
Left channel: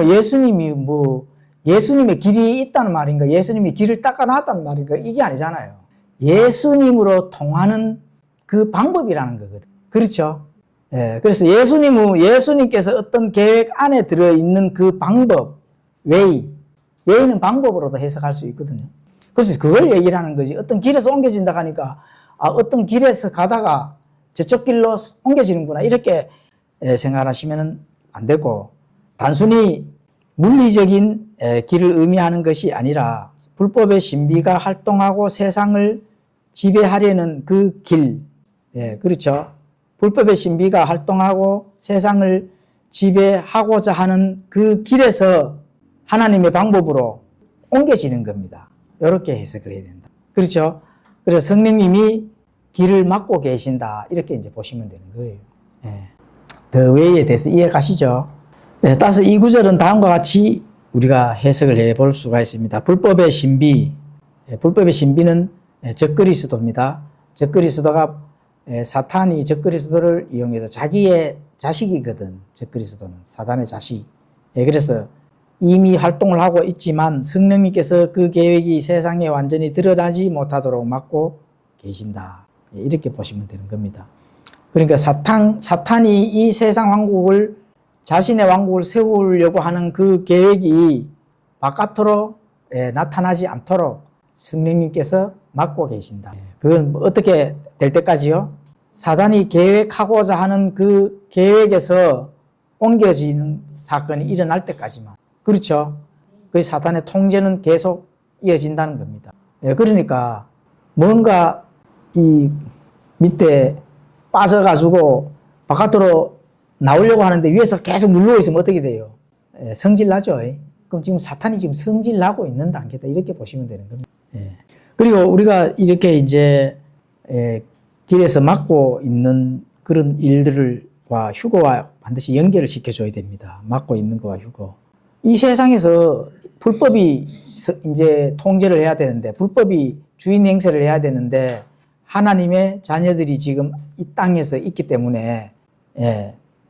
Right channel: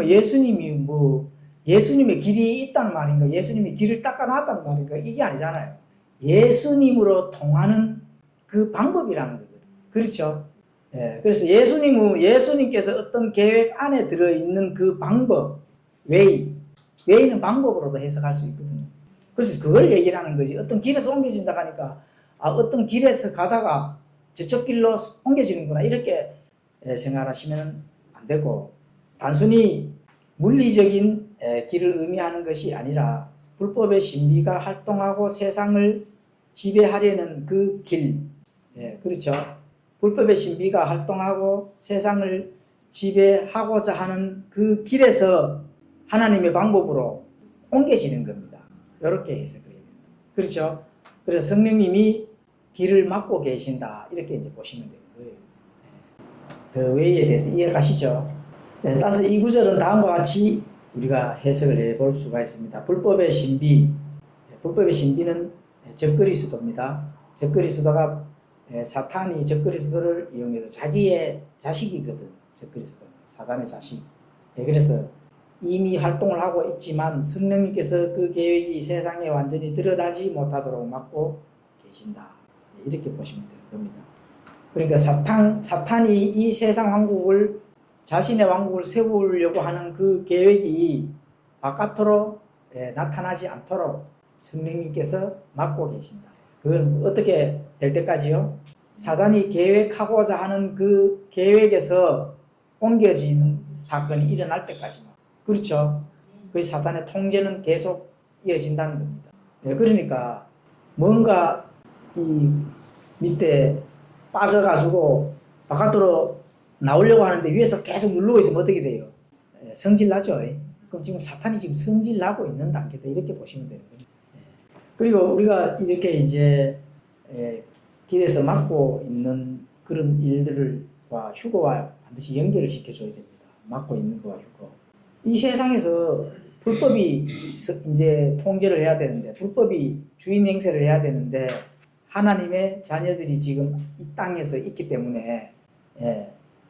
예수님의 길이 있다는 말인가? 예수님이 길을 닦아놨다는 말인가? 이게 아니잖아요. 예수님으로 통하는 그 방법이라는 거거든. 그렇죠. 그래서 예수님께서 어떤 계획 안에 들어있는 그 방법, 웨이는 방법으로도 해석할 수 있거든요. 그래서 그걸 얘기를 하는 거지. 어떤 길에서 옮겨진다 하니까, 어떤 길에서 가다가 저쪽 길로 옮겨지는구나, 이렇게 생각하시면 안 되고, 단순히 물리적인 길을 의미하는 것이 아니라 불법의 신비가 활동하고 세상을 지배하려는 그 길, 그렇죠. 불법의 신비가 활동하고 세상을 지배하고자 하는 그 길에서 하나님의 방법으로 옮겨지는 겁니다. 이렇게 해석을 해야 된다. 그렇죠. 그래서 성령님이 길을 막고 계신다, 이렇게 이제 보시면 되는 거예요. The way에 대해서 이해 가시죠? 따라서 이 구절은 다음과 같이 우리가 해석을 해볼 수가 있습니다. 불법의 신비는 적그리스도입니다. 적그리스도가 사탄이 적그리스도를 이용해서 자기의 자식이거든. 적그리스도는 사탄의 자식. 그래서 이미 활동을 하고 있지만 성령님께서 그 계획이 세상에 완전히 드러나지 못하도록 막고 계신다, 이렇게 보시면 되는 겁니다. 그러니까 사탄이 이 세상 왕국을, 자신의 왕국을 세우려고 하는 그 계획이 바깥으로 나타나지 않도록 성령님께서 막고 계신다. 그건 어떻게 될 때까지요? 사단이 계획하고자 하는 그 계획에서 옮겨지는 사건이 일어날 때까지만. 그렇죠. 그 사탄의 통제는 계속 이어진다는 겁니다. 그러니까 뭔가 이 밑에 빠져가지고 바깥으로 나오려고 하는데 위에서 계속 누르고 있으면 어떻게 돼요? 예, 성질 나죠. 그럼 지금 사탄이 지금 성질 나고 있는 단계다. 이렇게 보시면 되는 거죠. 예. 그리고 우리가 이렇게 이제 길에서 맡고 있는 그런 일들과 휴거와 반드시 연결을 시켜줘야 됩니다. 맡고 있는 거와 휴거. 이 세상에서 불법이 이제 통제를 해야 되는데, 불법이 주인 행세를 해야 되는데, 하나님의 자녀들이 지금 이 땅에서 있기 때문에,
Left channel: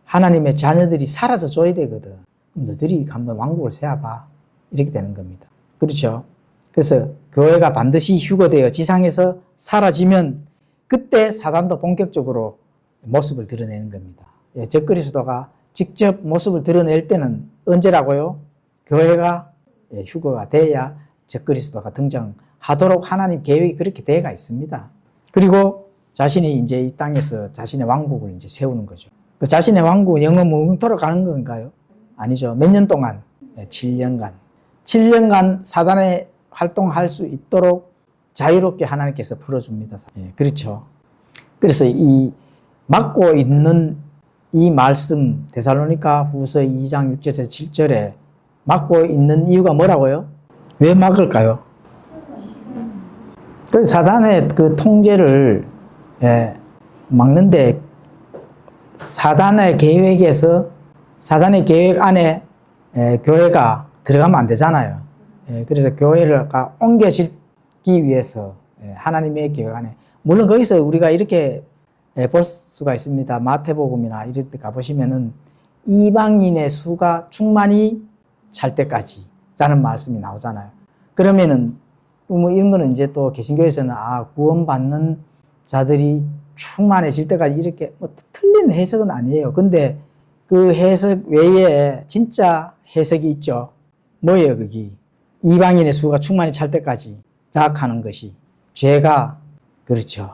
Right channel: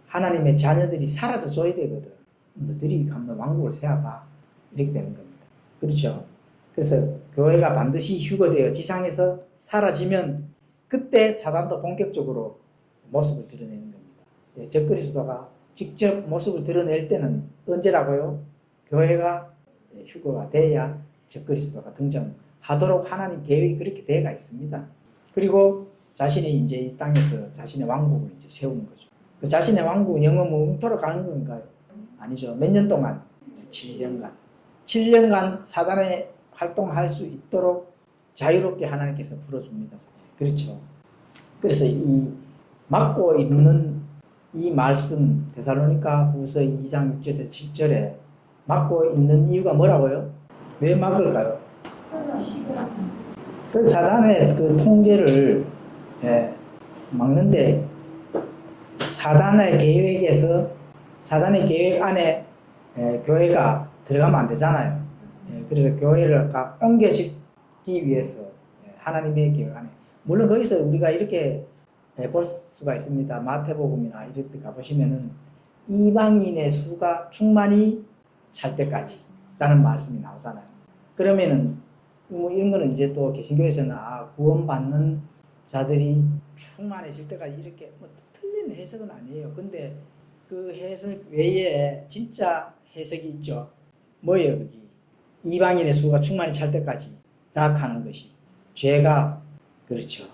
하나님의 자녀들이 사라져 줘야 되거든. 너희들이 한번 왕국을 세워봐. 이렇게 되는 겁니다. 그렇죠? 그래서 교회가 반드시 휴거되어 지상에서 사라지면 그때 사단도 본격적으로 모습을 드러내는 겁니다. 적그리스도가 직접 모습을 드러낼 때는 언제라고요? 교회가 휴거가 돼야 적그리스도가 등장하도록 하나님 계획이 그렇게 되어가 있습니다. 그리고 자신이 이제 이 땅에서 자신의 왕국을 이제 세우는 거죠. 그 자신의 왕국은 영원토록 가는 건가요? 아니죠. 몇 년 동안? 7년간. 7년간 사단의 활동할 수 있도록 자유롭게 하나님께서 풀어줍니다. 그렇죠. 그래서 이 막고 있는 이 말씀 데살로니가 후서 2장 6절에서 7절에 막고 있는 이유가 뭐라고요? 왜 막을까요? 그 사단의 그 통제를 막는데 사단의 계획에서 사단의 계획 안에 교회가 들어가면 안 되잖아요. 그래서 교회를 옮겨지기 위해서 하나님의 계획 안에 물론 거기서 우리가 이렇게 볼 수가 있습니다. 마태복음이나 이런 데 가보시면은 이방인의 수가 충만히 찰 때까지 라는 말씀이 나오잖아요. 그러면은 뭐 이런 거는 이제 또 개신교에서는 구원받는 자들이 충만해질 때까지 이렇게 뭐 틀린 해석은 아니에요. 근데 그 해석 외에 진짜 해석이 있죠. 뭐예요, 거기? 이방인의 수가 충만히 찰 때까지 라하는 것이 죄가 그렇죠.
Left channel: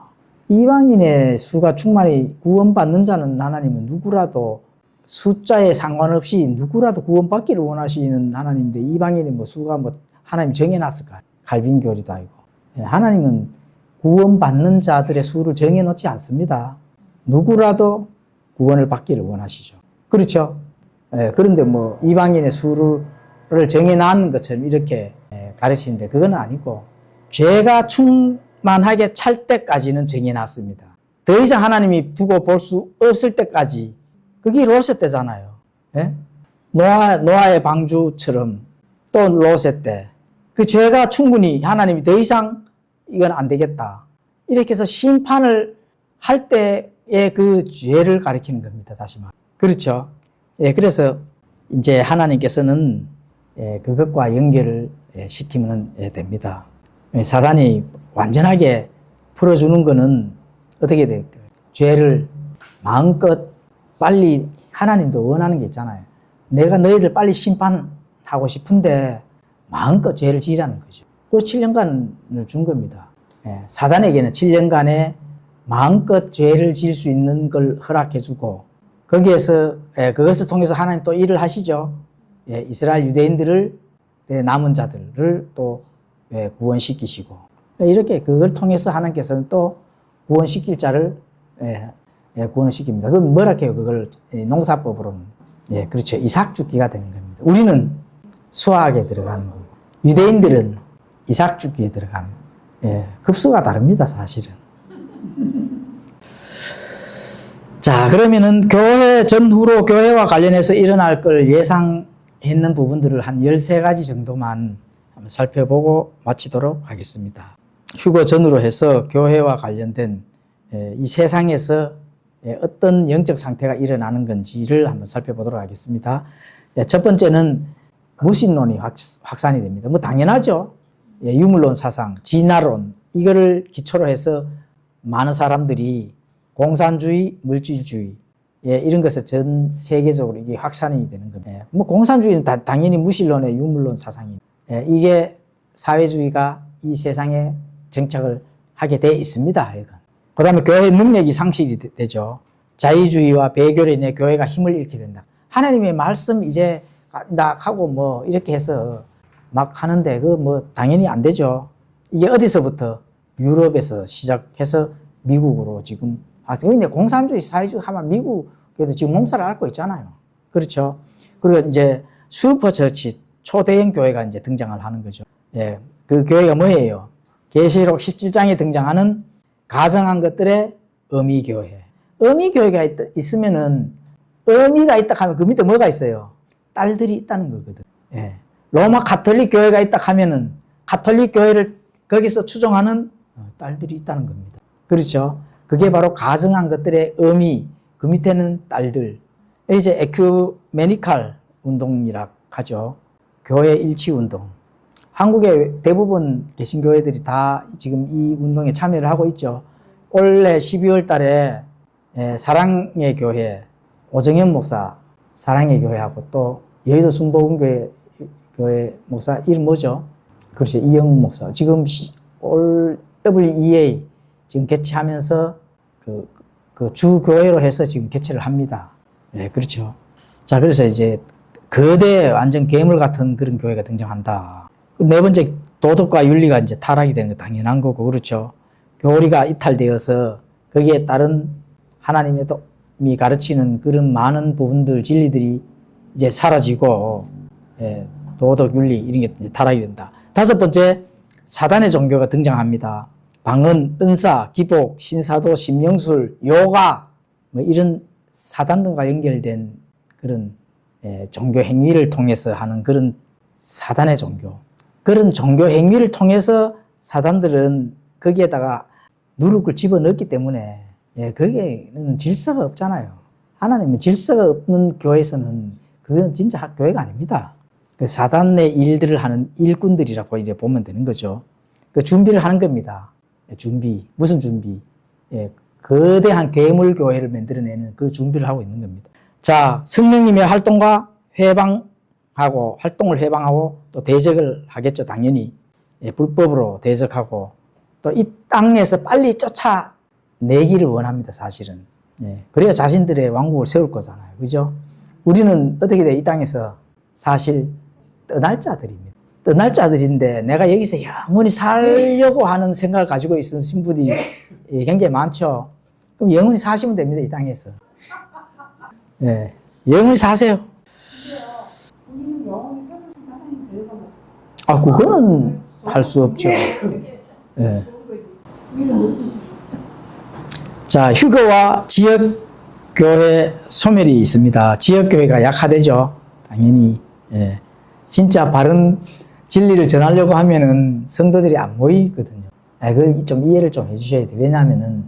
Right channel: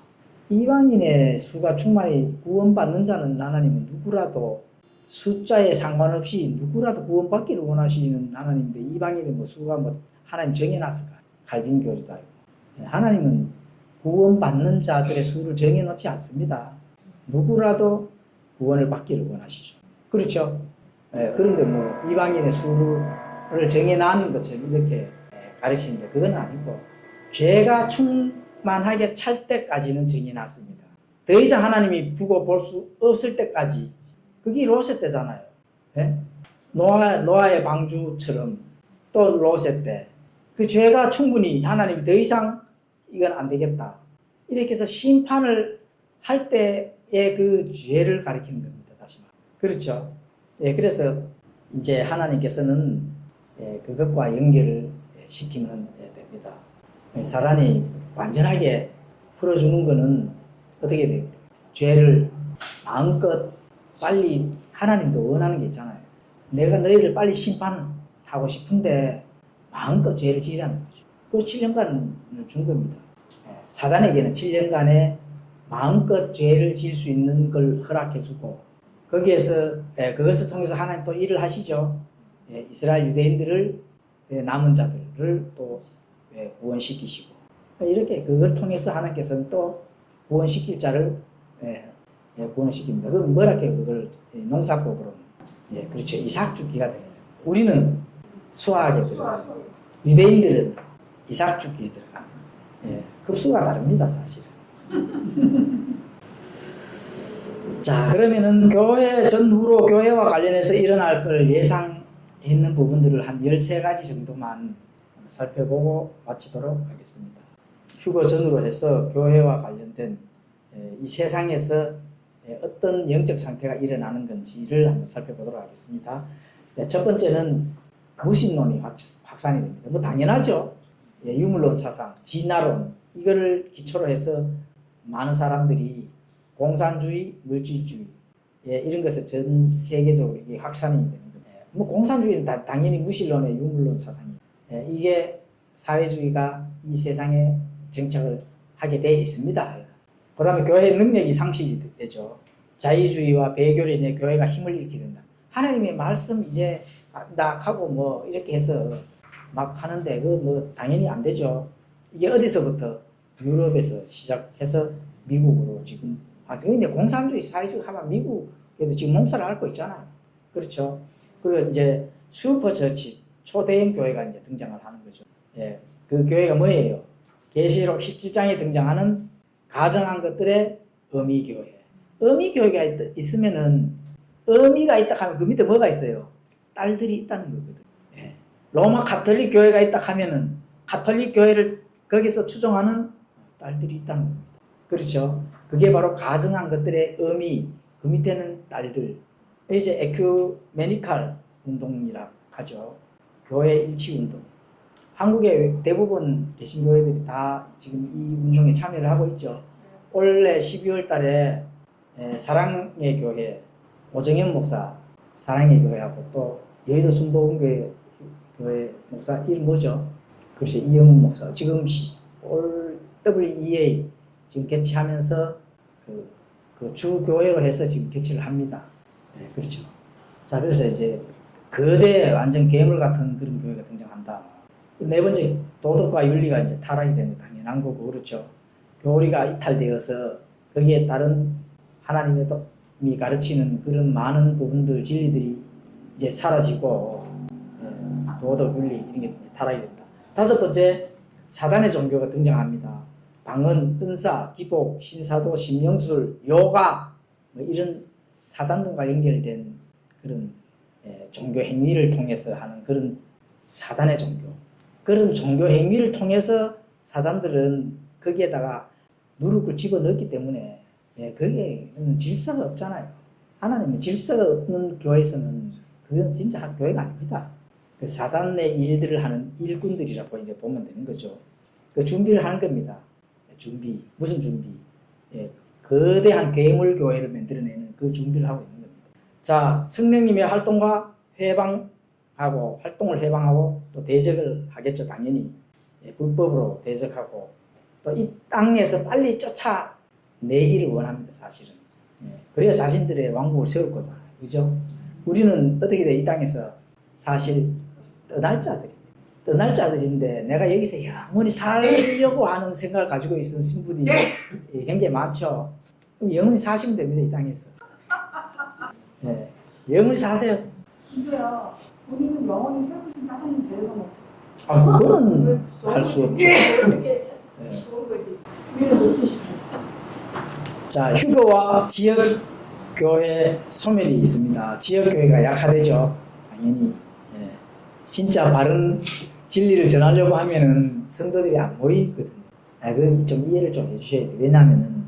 이방인의 수가 충만히 구원받는 자는 하나님은 누구라도 숫자에 상관없이 누구라도 구원받기를 원하시는 하나님인데 이방인의 뭐 수가 뭐 하나님 정해놨을까요? 갈빈교리도 아니고. 하나님은 구원받는 자들의 수를 정해놓지 않습니다. 누구라도 구원을 받기를 원하시죠. 그렇죠? 그런데 뭐 이방인의 수를 정해놨는 것처럼 이렇게 가르치는데 그건 아니고 죄가 충만하게 찰 때까지는 정해놨습니다. 더 이상 하나님이 두고 볼 수 없을 때까지 그게 롯의 때잖아요. 노아의 방주처럼 또 롯의 때 그 죄가 충분히 하나님이 더 이상 이건 안 되겠다. 이렇게 해서 심판을 할 때의 그 죄를 가리키는 겁니다. 다시 말. 그렇죠? 그래서 이제 하나님께서는 그것과 연결을 시키면 됩니다. 사단이 완전하게 풀어주는 거는 어떻게 될까요? 죄를 마음껏 빨리 하나님도 원하는 게 있잖아요. 내가 너희들 빨리 심판하고 싶은데 마음껏 죄를 지으라는 거죠. 그 7년간을 준 겁니다. 사단에게는 7년간의 마음껏 죄를 지을 수 있는 걸 허락해주고 거기에서 그것을 통해서 하나님 또 일을 하시죠. 이스라엘 유대인들을 남은 자들을 또 구원시키시고 이렇게 그걸 통해서 하나님께서는 또 구원시킬 자를 구원을 시킵니다. 그럼 뭐라 해요? 그걸 농사법으로는 그렇죠. 이삭 죽기가 되는 겁니다. 우리는 수학에 들어가는 거고 유대인들은 이삭 죽기에 들어가는 거예요. 급수가 다릅니다. 사실은. 자, 그러면은 교회 전후로 교회와 관련해서 일어날 걸 예상했는 부분들을 한 13가지 정도만 한번 살펴보고 마치도록 하겠습니다. 휴거 전후로 해서 교회와 관련된 이 세상에서 어떤 영적 상태가 일어나는 건지를 한번 살펴보도록 하겠습니다. 첫 번째는 무신론이 확산이 됩니다. 뭐 당연하죠. 유물론 사상, 진화론 이거를 기초로 해서 많은 사람들이 공산주의, 물질주의 이런 것에 전 세계적으로 이게 확산이 되는 겁니다. 뭐 공산주의는 당연히 무신론의 유물론 사상이 이게 사회주의가 이 세상에 정착을 하게 돼 있습니다. 그 다음에 교회의 능력이 상실이 되죠. 자유주의와 배교로 인해 교회가 힘을 잃게 된다. 하나님의 말씀 이제 하고 뭐 이렇게 해서 막 하는데 그 뭐 당연히 안 되죠. 이게 어디서부터 유럽에서 시작해서 미국으로 지금 근데 공산주의 사회주의 하면 미국에도 지금 몸살을 앓고 있잖아요. 그렇죠. 그리고 이제 슈퍼처치 초대형 교회가 이제 등장을 하는 거죠. 예. 그 교회가 뭐예요? 계시록 17장에 등장하는 가정한 것들의 어미교회. 어미교회가 있으면은, 어미가 있다 하면 그 밑에 뭐가 있어요? 딸들이 있다는 거거든. 예. 로마 가톨릭 교회가 있다 하면은, 가톨릭 교회를 거기서 추종하는 딸들이 있다는 겁니다. 그렇죠? 그게 바로 가정한 것들의 어미, 그 밑에는 딸들. 이제 에큐메니칼 운동이라 하죠. 교회 일치 운동. 한국의 대부분 개신교회들이 다 지금 이 운동에 참여를 하고 있죠. 올해 12월 달에 사랑의 교회, 오정현 목사 사랑의 교회하고 또 여의도 순복음교회 목사 이름 뭐죠? 그렇죠. 이영훈 목사. 지금 WEA 지금 개최하면서 그 주교회로 해서 지금 개최를 합니다. 네, 그렇죠. 자, 그래서 이제 거대 완전 괴물 같은 그런 교회가 등장한다. 네 번째, 도덕과 윤리가 이제 타락이 되는 거 당연한 거고, 그렇죠. 교리가 이탈되어서 거기에 따른 하나님의 이 가르치는 그런 많은 부분들, 진리들이 이제 사라지고, 도덕, 윤리, 이런 게 이제 타락이 된다. 다섯 번째, 사단의 종교가 등장합니다. 방언, 은사, 기복, 신사도, 심령술, 요가, 뭐 이런 사단과 연결된 그런 종교 행위를 통해서 하는 그런 사단의 종교. 그런 종교 행위를 통해서 사단들은 거기에다가 누룩을 집어넣기 때문에 거기에는 질서가 없잖아요. 하나님은 질서가 없는 교회에서는 그건 진짜 교회가 아닙니다. 그 사단의 일들을 하는 일꾼들이라고 이제 보면 되는 거죠. 그 준비를 하는 겁니다. 준비. 무슨 준비? 거대한 괴물 교회를 만들어내는 그 준비를 하고 있는 겁니다. 자, 성령님의 활동과 활동을 해방하고 또 대적을 하겠죠, 당연히. 불법으로 대적하고 또 이 땅에서 빨리 쫓아내기를 원합니다, 사실은. 그래야 자신들의 왕국을 세울 거잖아요. 그죠? 우리는 어떻게 돼? 이 땅에서 사실 떠날 자들입니다. 떠날 자들인데 내가 여기서 영원히 살려고 하는 생각을 가지고 있는 신부들이 굉장히 많죠. 그럼 영원히 사시면 됩니다, 이 땅에서. 네, 영원히 사세요. 근데요, 본인은 영원히 살고 싶은 하나님 데려가면 그거는 할 수 없죠. 네. 자, 휴거와 지역교회 소멸이 있습니다. 지역교회가 약화되죠. 당연히. 진짜 바른 진리를 전하려고 하면은 성도들이 안 모이거든요. 그걸 좀 이해를 좀 해주셔야 돼요. 왜냐하면은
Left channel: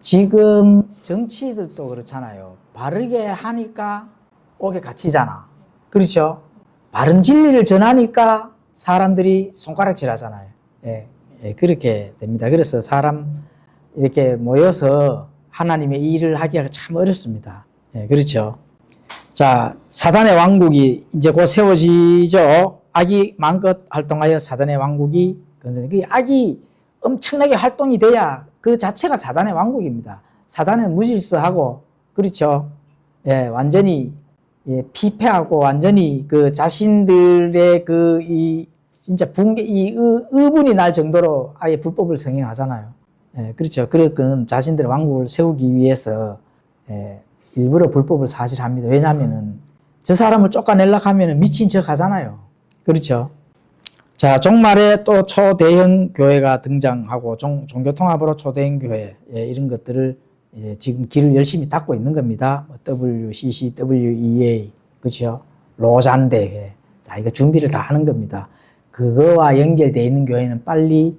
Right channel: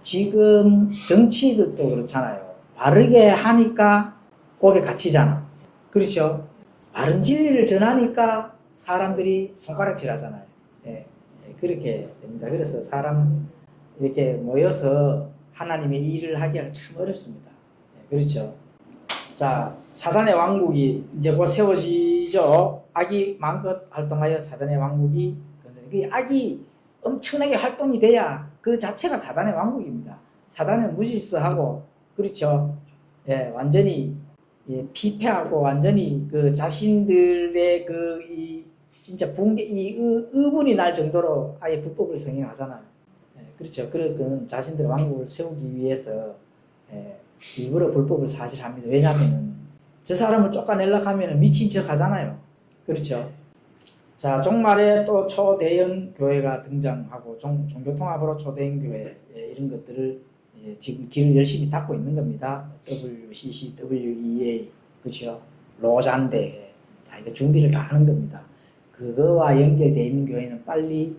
지금 정치들도 그렇잖아요. 바르게 하니까 옥에 갇히잖아. 그렇죠? 바른 진리를 전하니까 사람들이 손가락질 하잖아요. 그렇게 됩니다. 그래서 사람 이렇게 모여서 하나님의 일을 하기가 참 어렵습니다. 그렇죠? 자, 사단의 왕국이 이제 곧 세워지죠. 악이 마음껏 활동하여 사단의 왕국이 그 악이 엄청나게 활동이 돼야 그 자체가 사단의 왕국입니다. 사단은 무질서하고 그렇죠. 완전히 피폐하고 완전히 그 자신들의 진짜 의분이 날 정도로 아예 불법을 성행하잖아요. 그렇죠. 그러니까 자신들의 왕국을 세우기 위해서 일부러 불법을 사실 합니다. 왜냐하면은 저 사람을 쫓아내려고 하면은 미친 척 하잖아요. 그렇죠. 자, 종말에 또 초대형 교회가 등장하고 종교통합으로 초대형 교회 이런 것들을 지금 길을 열심히 닦고 있는 겁니다. WCC, WEA, 그렇죠. 로잔 대회. 자, 이거 준비를 다 하는 겁니다. 그거와 연결되어 있는 교회는 빨리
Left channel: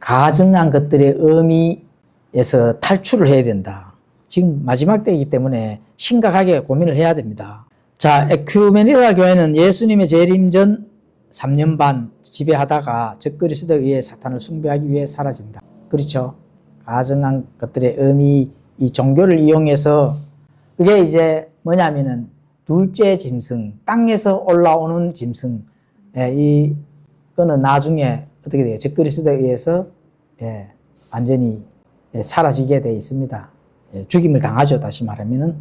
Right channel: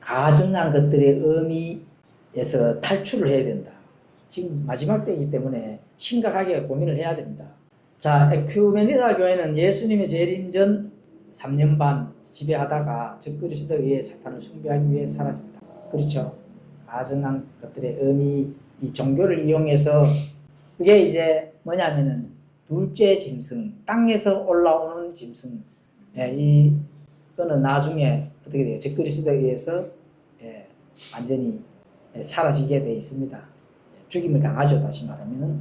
가증한 것들의 의미에서 탈출을 해야 된다. 지금 마지막 때이기 때문에 심각하게 고민을 해야 됩니다. 자, 에큐메니칼 교회는 예수님의 재림 전 3년 반 지배하다가 적그리스도에 의해 사탄을 숭배하기 위해 사라진다. 그렇죠. 가증한 것들의 의미, 이 종교를 이용해서 그게 이제 뭐냐면은 둘째 짐승, 땅에서 올라오는 짐승. 이거는 나중에 어떻게 돼요? 적그리스도에 의해서 완전히 사라지게 되어 있습니다. 죽임을 당하죠. 다시 말하면은.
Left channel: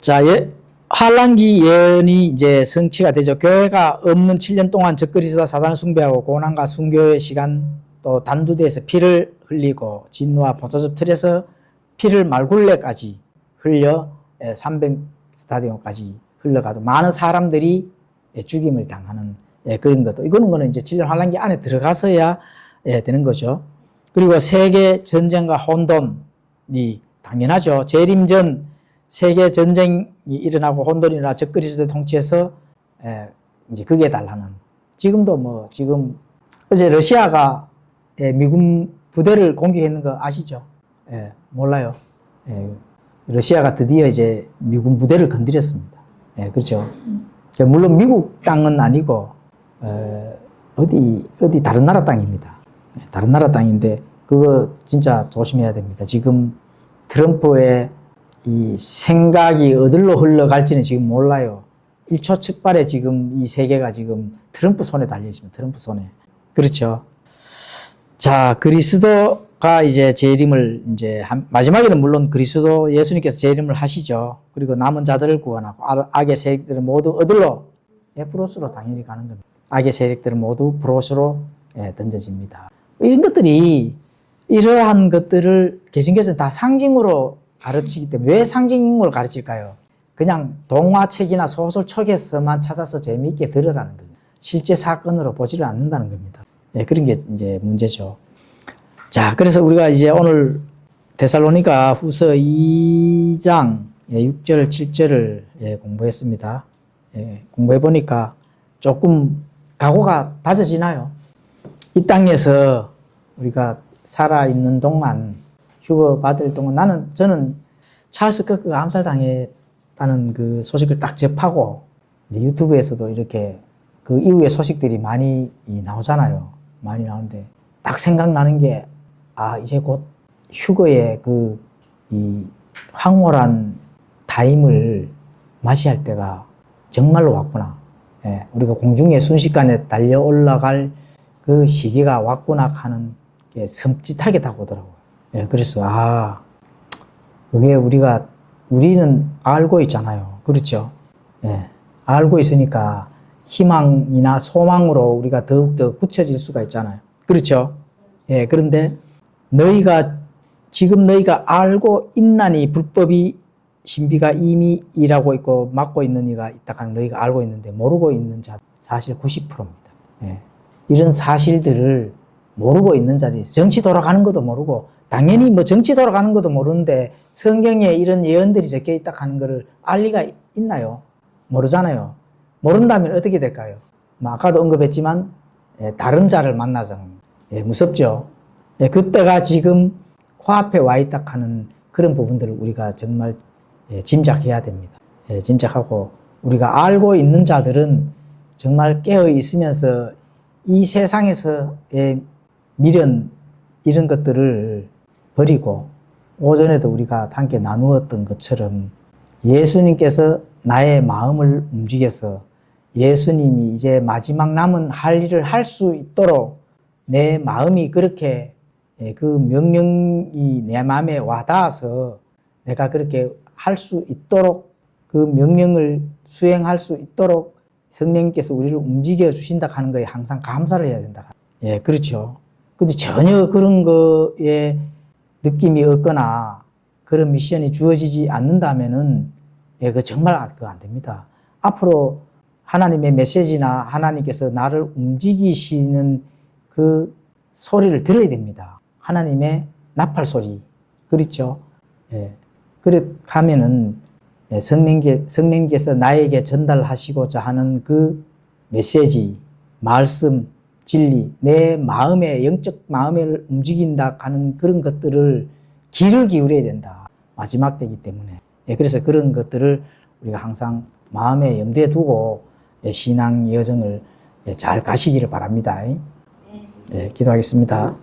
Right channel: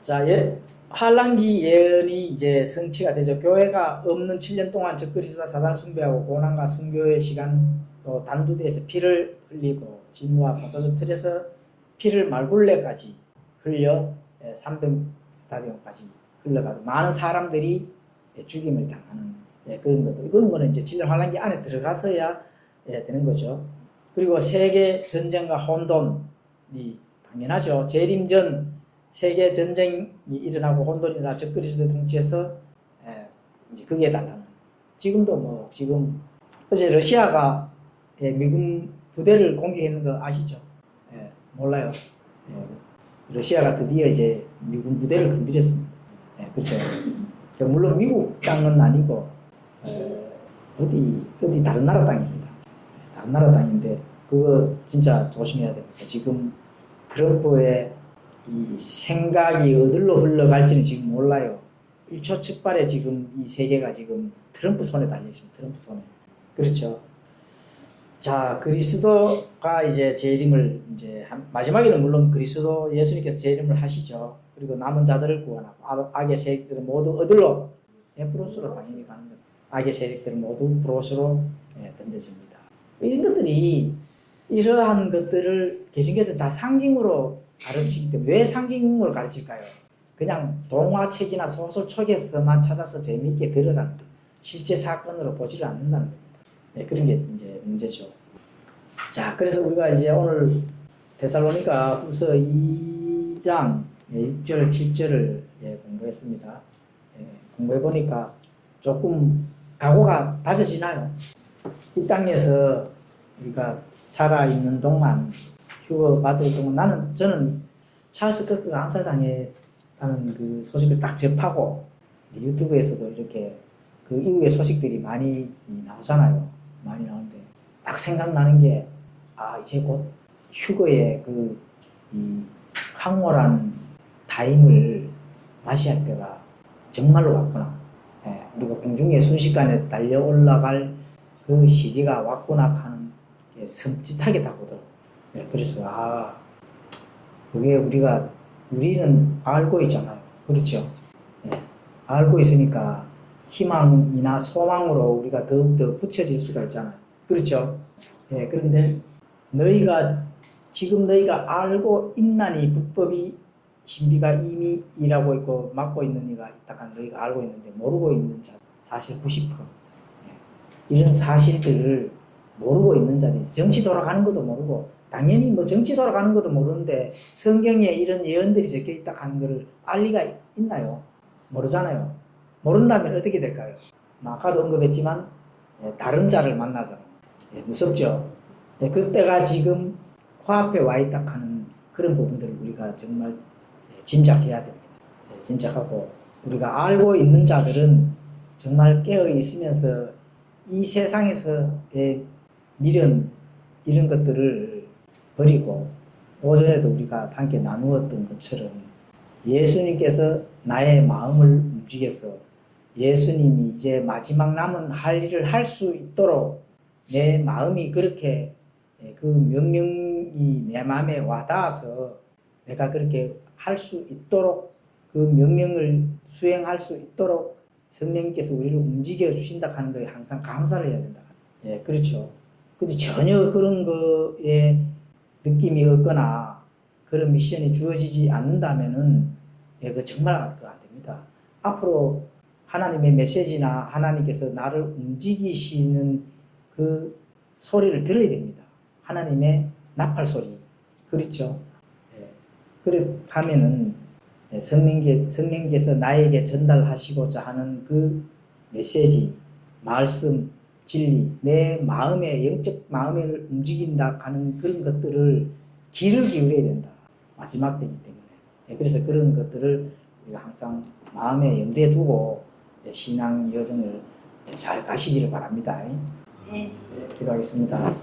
자, 환란기 예언이 이제 성취가 되죠. 교회가 없는 7년 동안 적그리스도와 사단을 숭배하고 고난과 순교의 시간 또 단두대에서 피를 흘리고 진노와 포도즙 틀에서 피를 말굴레까지 흘려 300 스타디움까지 흘러가도 많은 사람들이 죽임을 당하는 그런 것도 이거는 거는 이제 7년 환란기 안에 들어가서야 되는 거죠. 그리고 세계 전쟁과 혼돈이 당연하죠. 재림 전 세계 전쟁이 일어나고 혼돈이 일어나 적그리스도의 통치에서 이제 극에 달하는 지금도 뭐 지금 어제 러시아가 미군 부대를 공격했는 거 아시죠? 몰라요. 러시아가 드디어 이제 미군 부대를 건드렸습니다. 그렇죠. 물론 미국 땅은 아니고 어디 다른 나라 땅입니다. 다른 나라 땅인데 그거 진짜 조심해야 됩니다. 지금 트럼프의 이 생각이 어디로 흘러갈지는 지금 몰라요. 일초측발에 지금 이 세계가 지금 트럼프 손에 달려 있습니다. 트럼프 손에. 그렇죠. 자, 그리스도가 이제 재림을 이제 마지막에는 물론 그리스도 예수님께서 재림을 하시죠. 그리고 남은 자들을 구원하고 악의 세력들은 모두 어디로? 프로스로 당연히 가는 겁니다. 악의 세력들은 모두 프로스로 던져집니다. 이런 것들이 이러한 것들을 개신교에서는 다 상징으로 가르치기 때문에 왜 상징으로 가르칠까요? 그냥 동화책이나 소설책에서만 찾아서 재미있게 들으라는 겁니다. 실제 사건으로 보지를 않는다는 겁니다. 그런 게 이제 문제죠. 자, 그래서 우리가 이제 오늘 데살로니가 후서 2장 6절, 7절을 공부했습니다. 공부해보니까 조금 각오가 다져지나요? 이 땅에서 우리가 살아있는 동안, 휴거 받을 동안 저는 찰스 커크가 암살당했다는 그 소식을 딱 접하고 이제 유튜브에서도 이렇게 그 이후의 소식들이 많이 나오잖아요. 많이 나오는데 딱 생각나는 게 이제 곧 휴거의 이 황홀한 타임을 맞이할 때가 정말로 왔구나. 우리가 공중에 순식간에 달려 올라갈 그 시기가 왔구나 하는 게 섬찟하게 다가오더라고요. 그래서 그게 우리는 알고 있잖아요. 그렇죠? 알고 있으니까 희망이나 소망으로 우리가 더욱더 굳혀질 수가 있잖아요. 그렇죠? 그런데 지금 너희가 알고 있나니 불법이 신비가 이미 일하고 있고 막고 있는 이가 있다 하는 너희가 알고 있는데 모르고 있는 자 사실 90%입니다. 이런 사실들을 모르고 있는 자들이 정치 돌아가는 것도 모르고 당연히 뭐 정치 돌아가는 것도 모르는데 성경에 이런 예언들이 적혀 있다 하는 것을 알 리가 있나요? 모르잖아요. 모른다면 어떻게 될까요? 아까도 언급했지만 다른 자를 만나잖아요. 무섭죠. 그때가 지금 코앞에 와 있다 하는 그런 부분들을 우리가 정말 짐작해야 됩니다. 짐작하고 우리가 알고 있는 자들은 정말 깨어 있으면서 이 세상에서의 미련 이런 것들을 버리고 오전에도 우리가 함께 나누었던 것처럼 예수님께서 나의 마음을 움직여서 예수님이 이제 마지막 남은 할 일을 할 수 있도록 내 마음이 그렇게 그 명령이 내 마음에 와닿아서 내가 그렇게 할 수 있도록 그 명령을 수행할 수 있도록 성령님께서 우리를 움직여 주신다 하는 거에 항상 감사를 해야 된다. 그렇죠. 근데 전혀 그런 거에 느낌이 없거나 그런 미션이 주어지지 않는다면은 그 정말 그거 안 됩니다. 앞으로 하나님의 메시지나 하나님께서 나를 움직이시는 그 소리를 들어야 됩니다. 하나님의 나팔 소리. 그렇죠? 그렇게 하면은 성령께서 나에게 전달하시고자 하는 그 메시지, 말씀, 진리, 내 마음의 영적 마음을 움직인다 하는 그런 것들을 귀를 기울여야 된다. 마지막 때이기 때문에. 그래서 그런 것들을 우리가 항상 마음에 염두에 두고 신앙 여정을 잘 가시기를 바랍니다. 기도하겠습니다.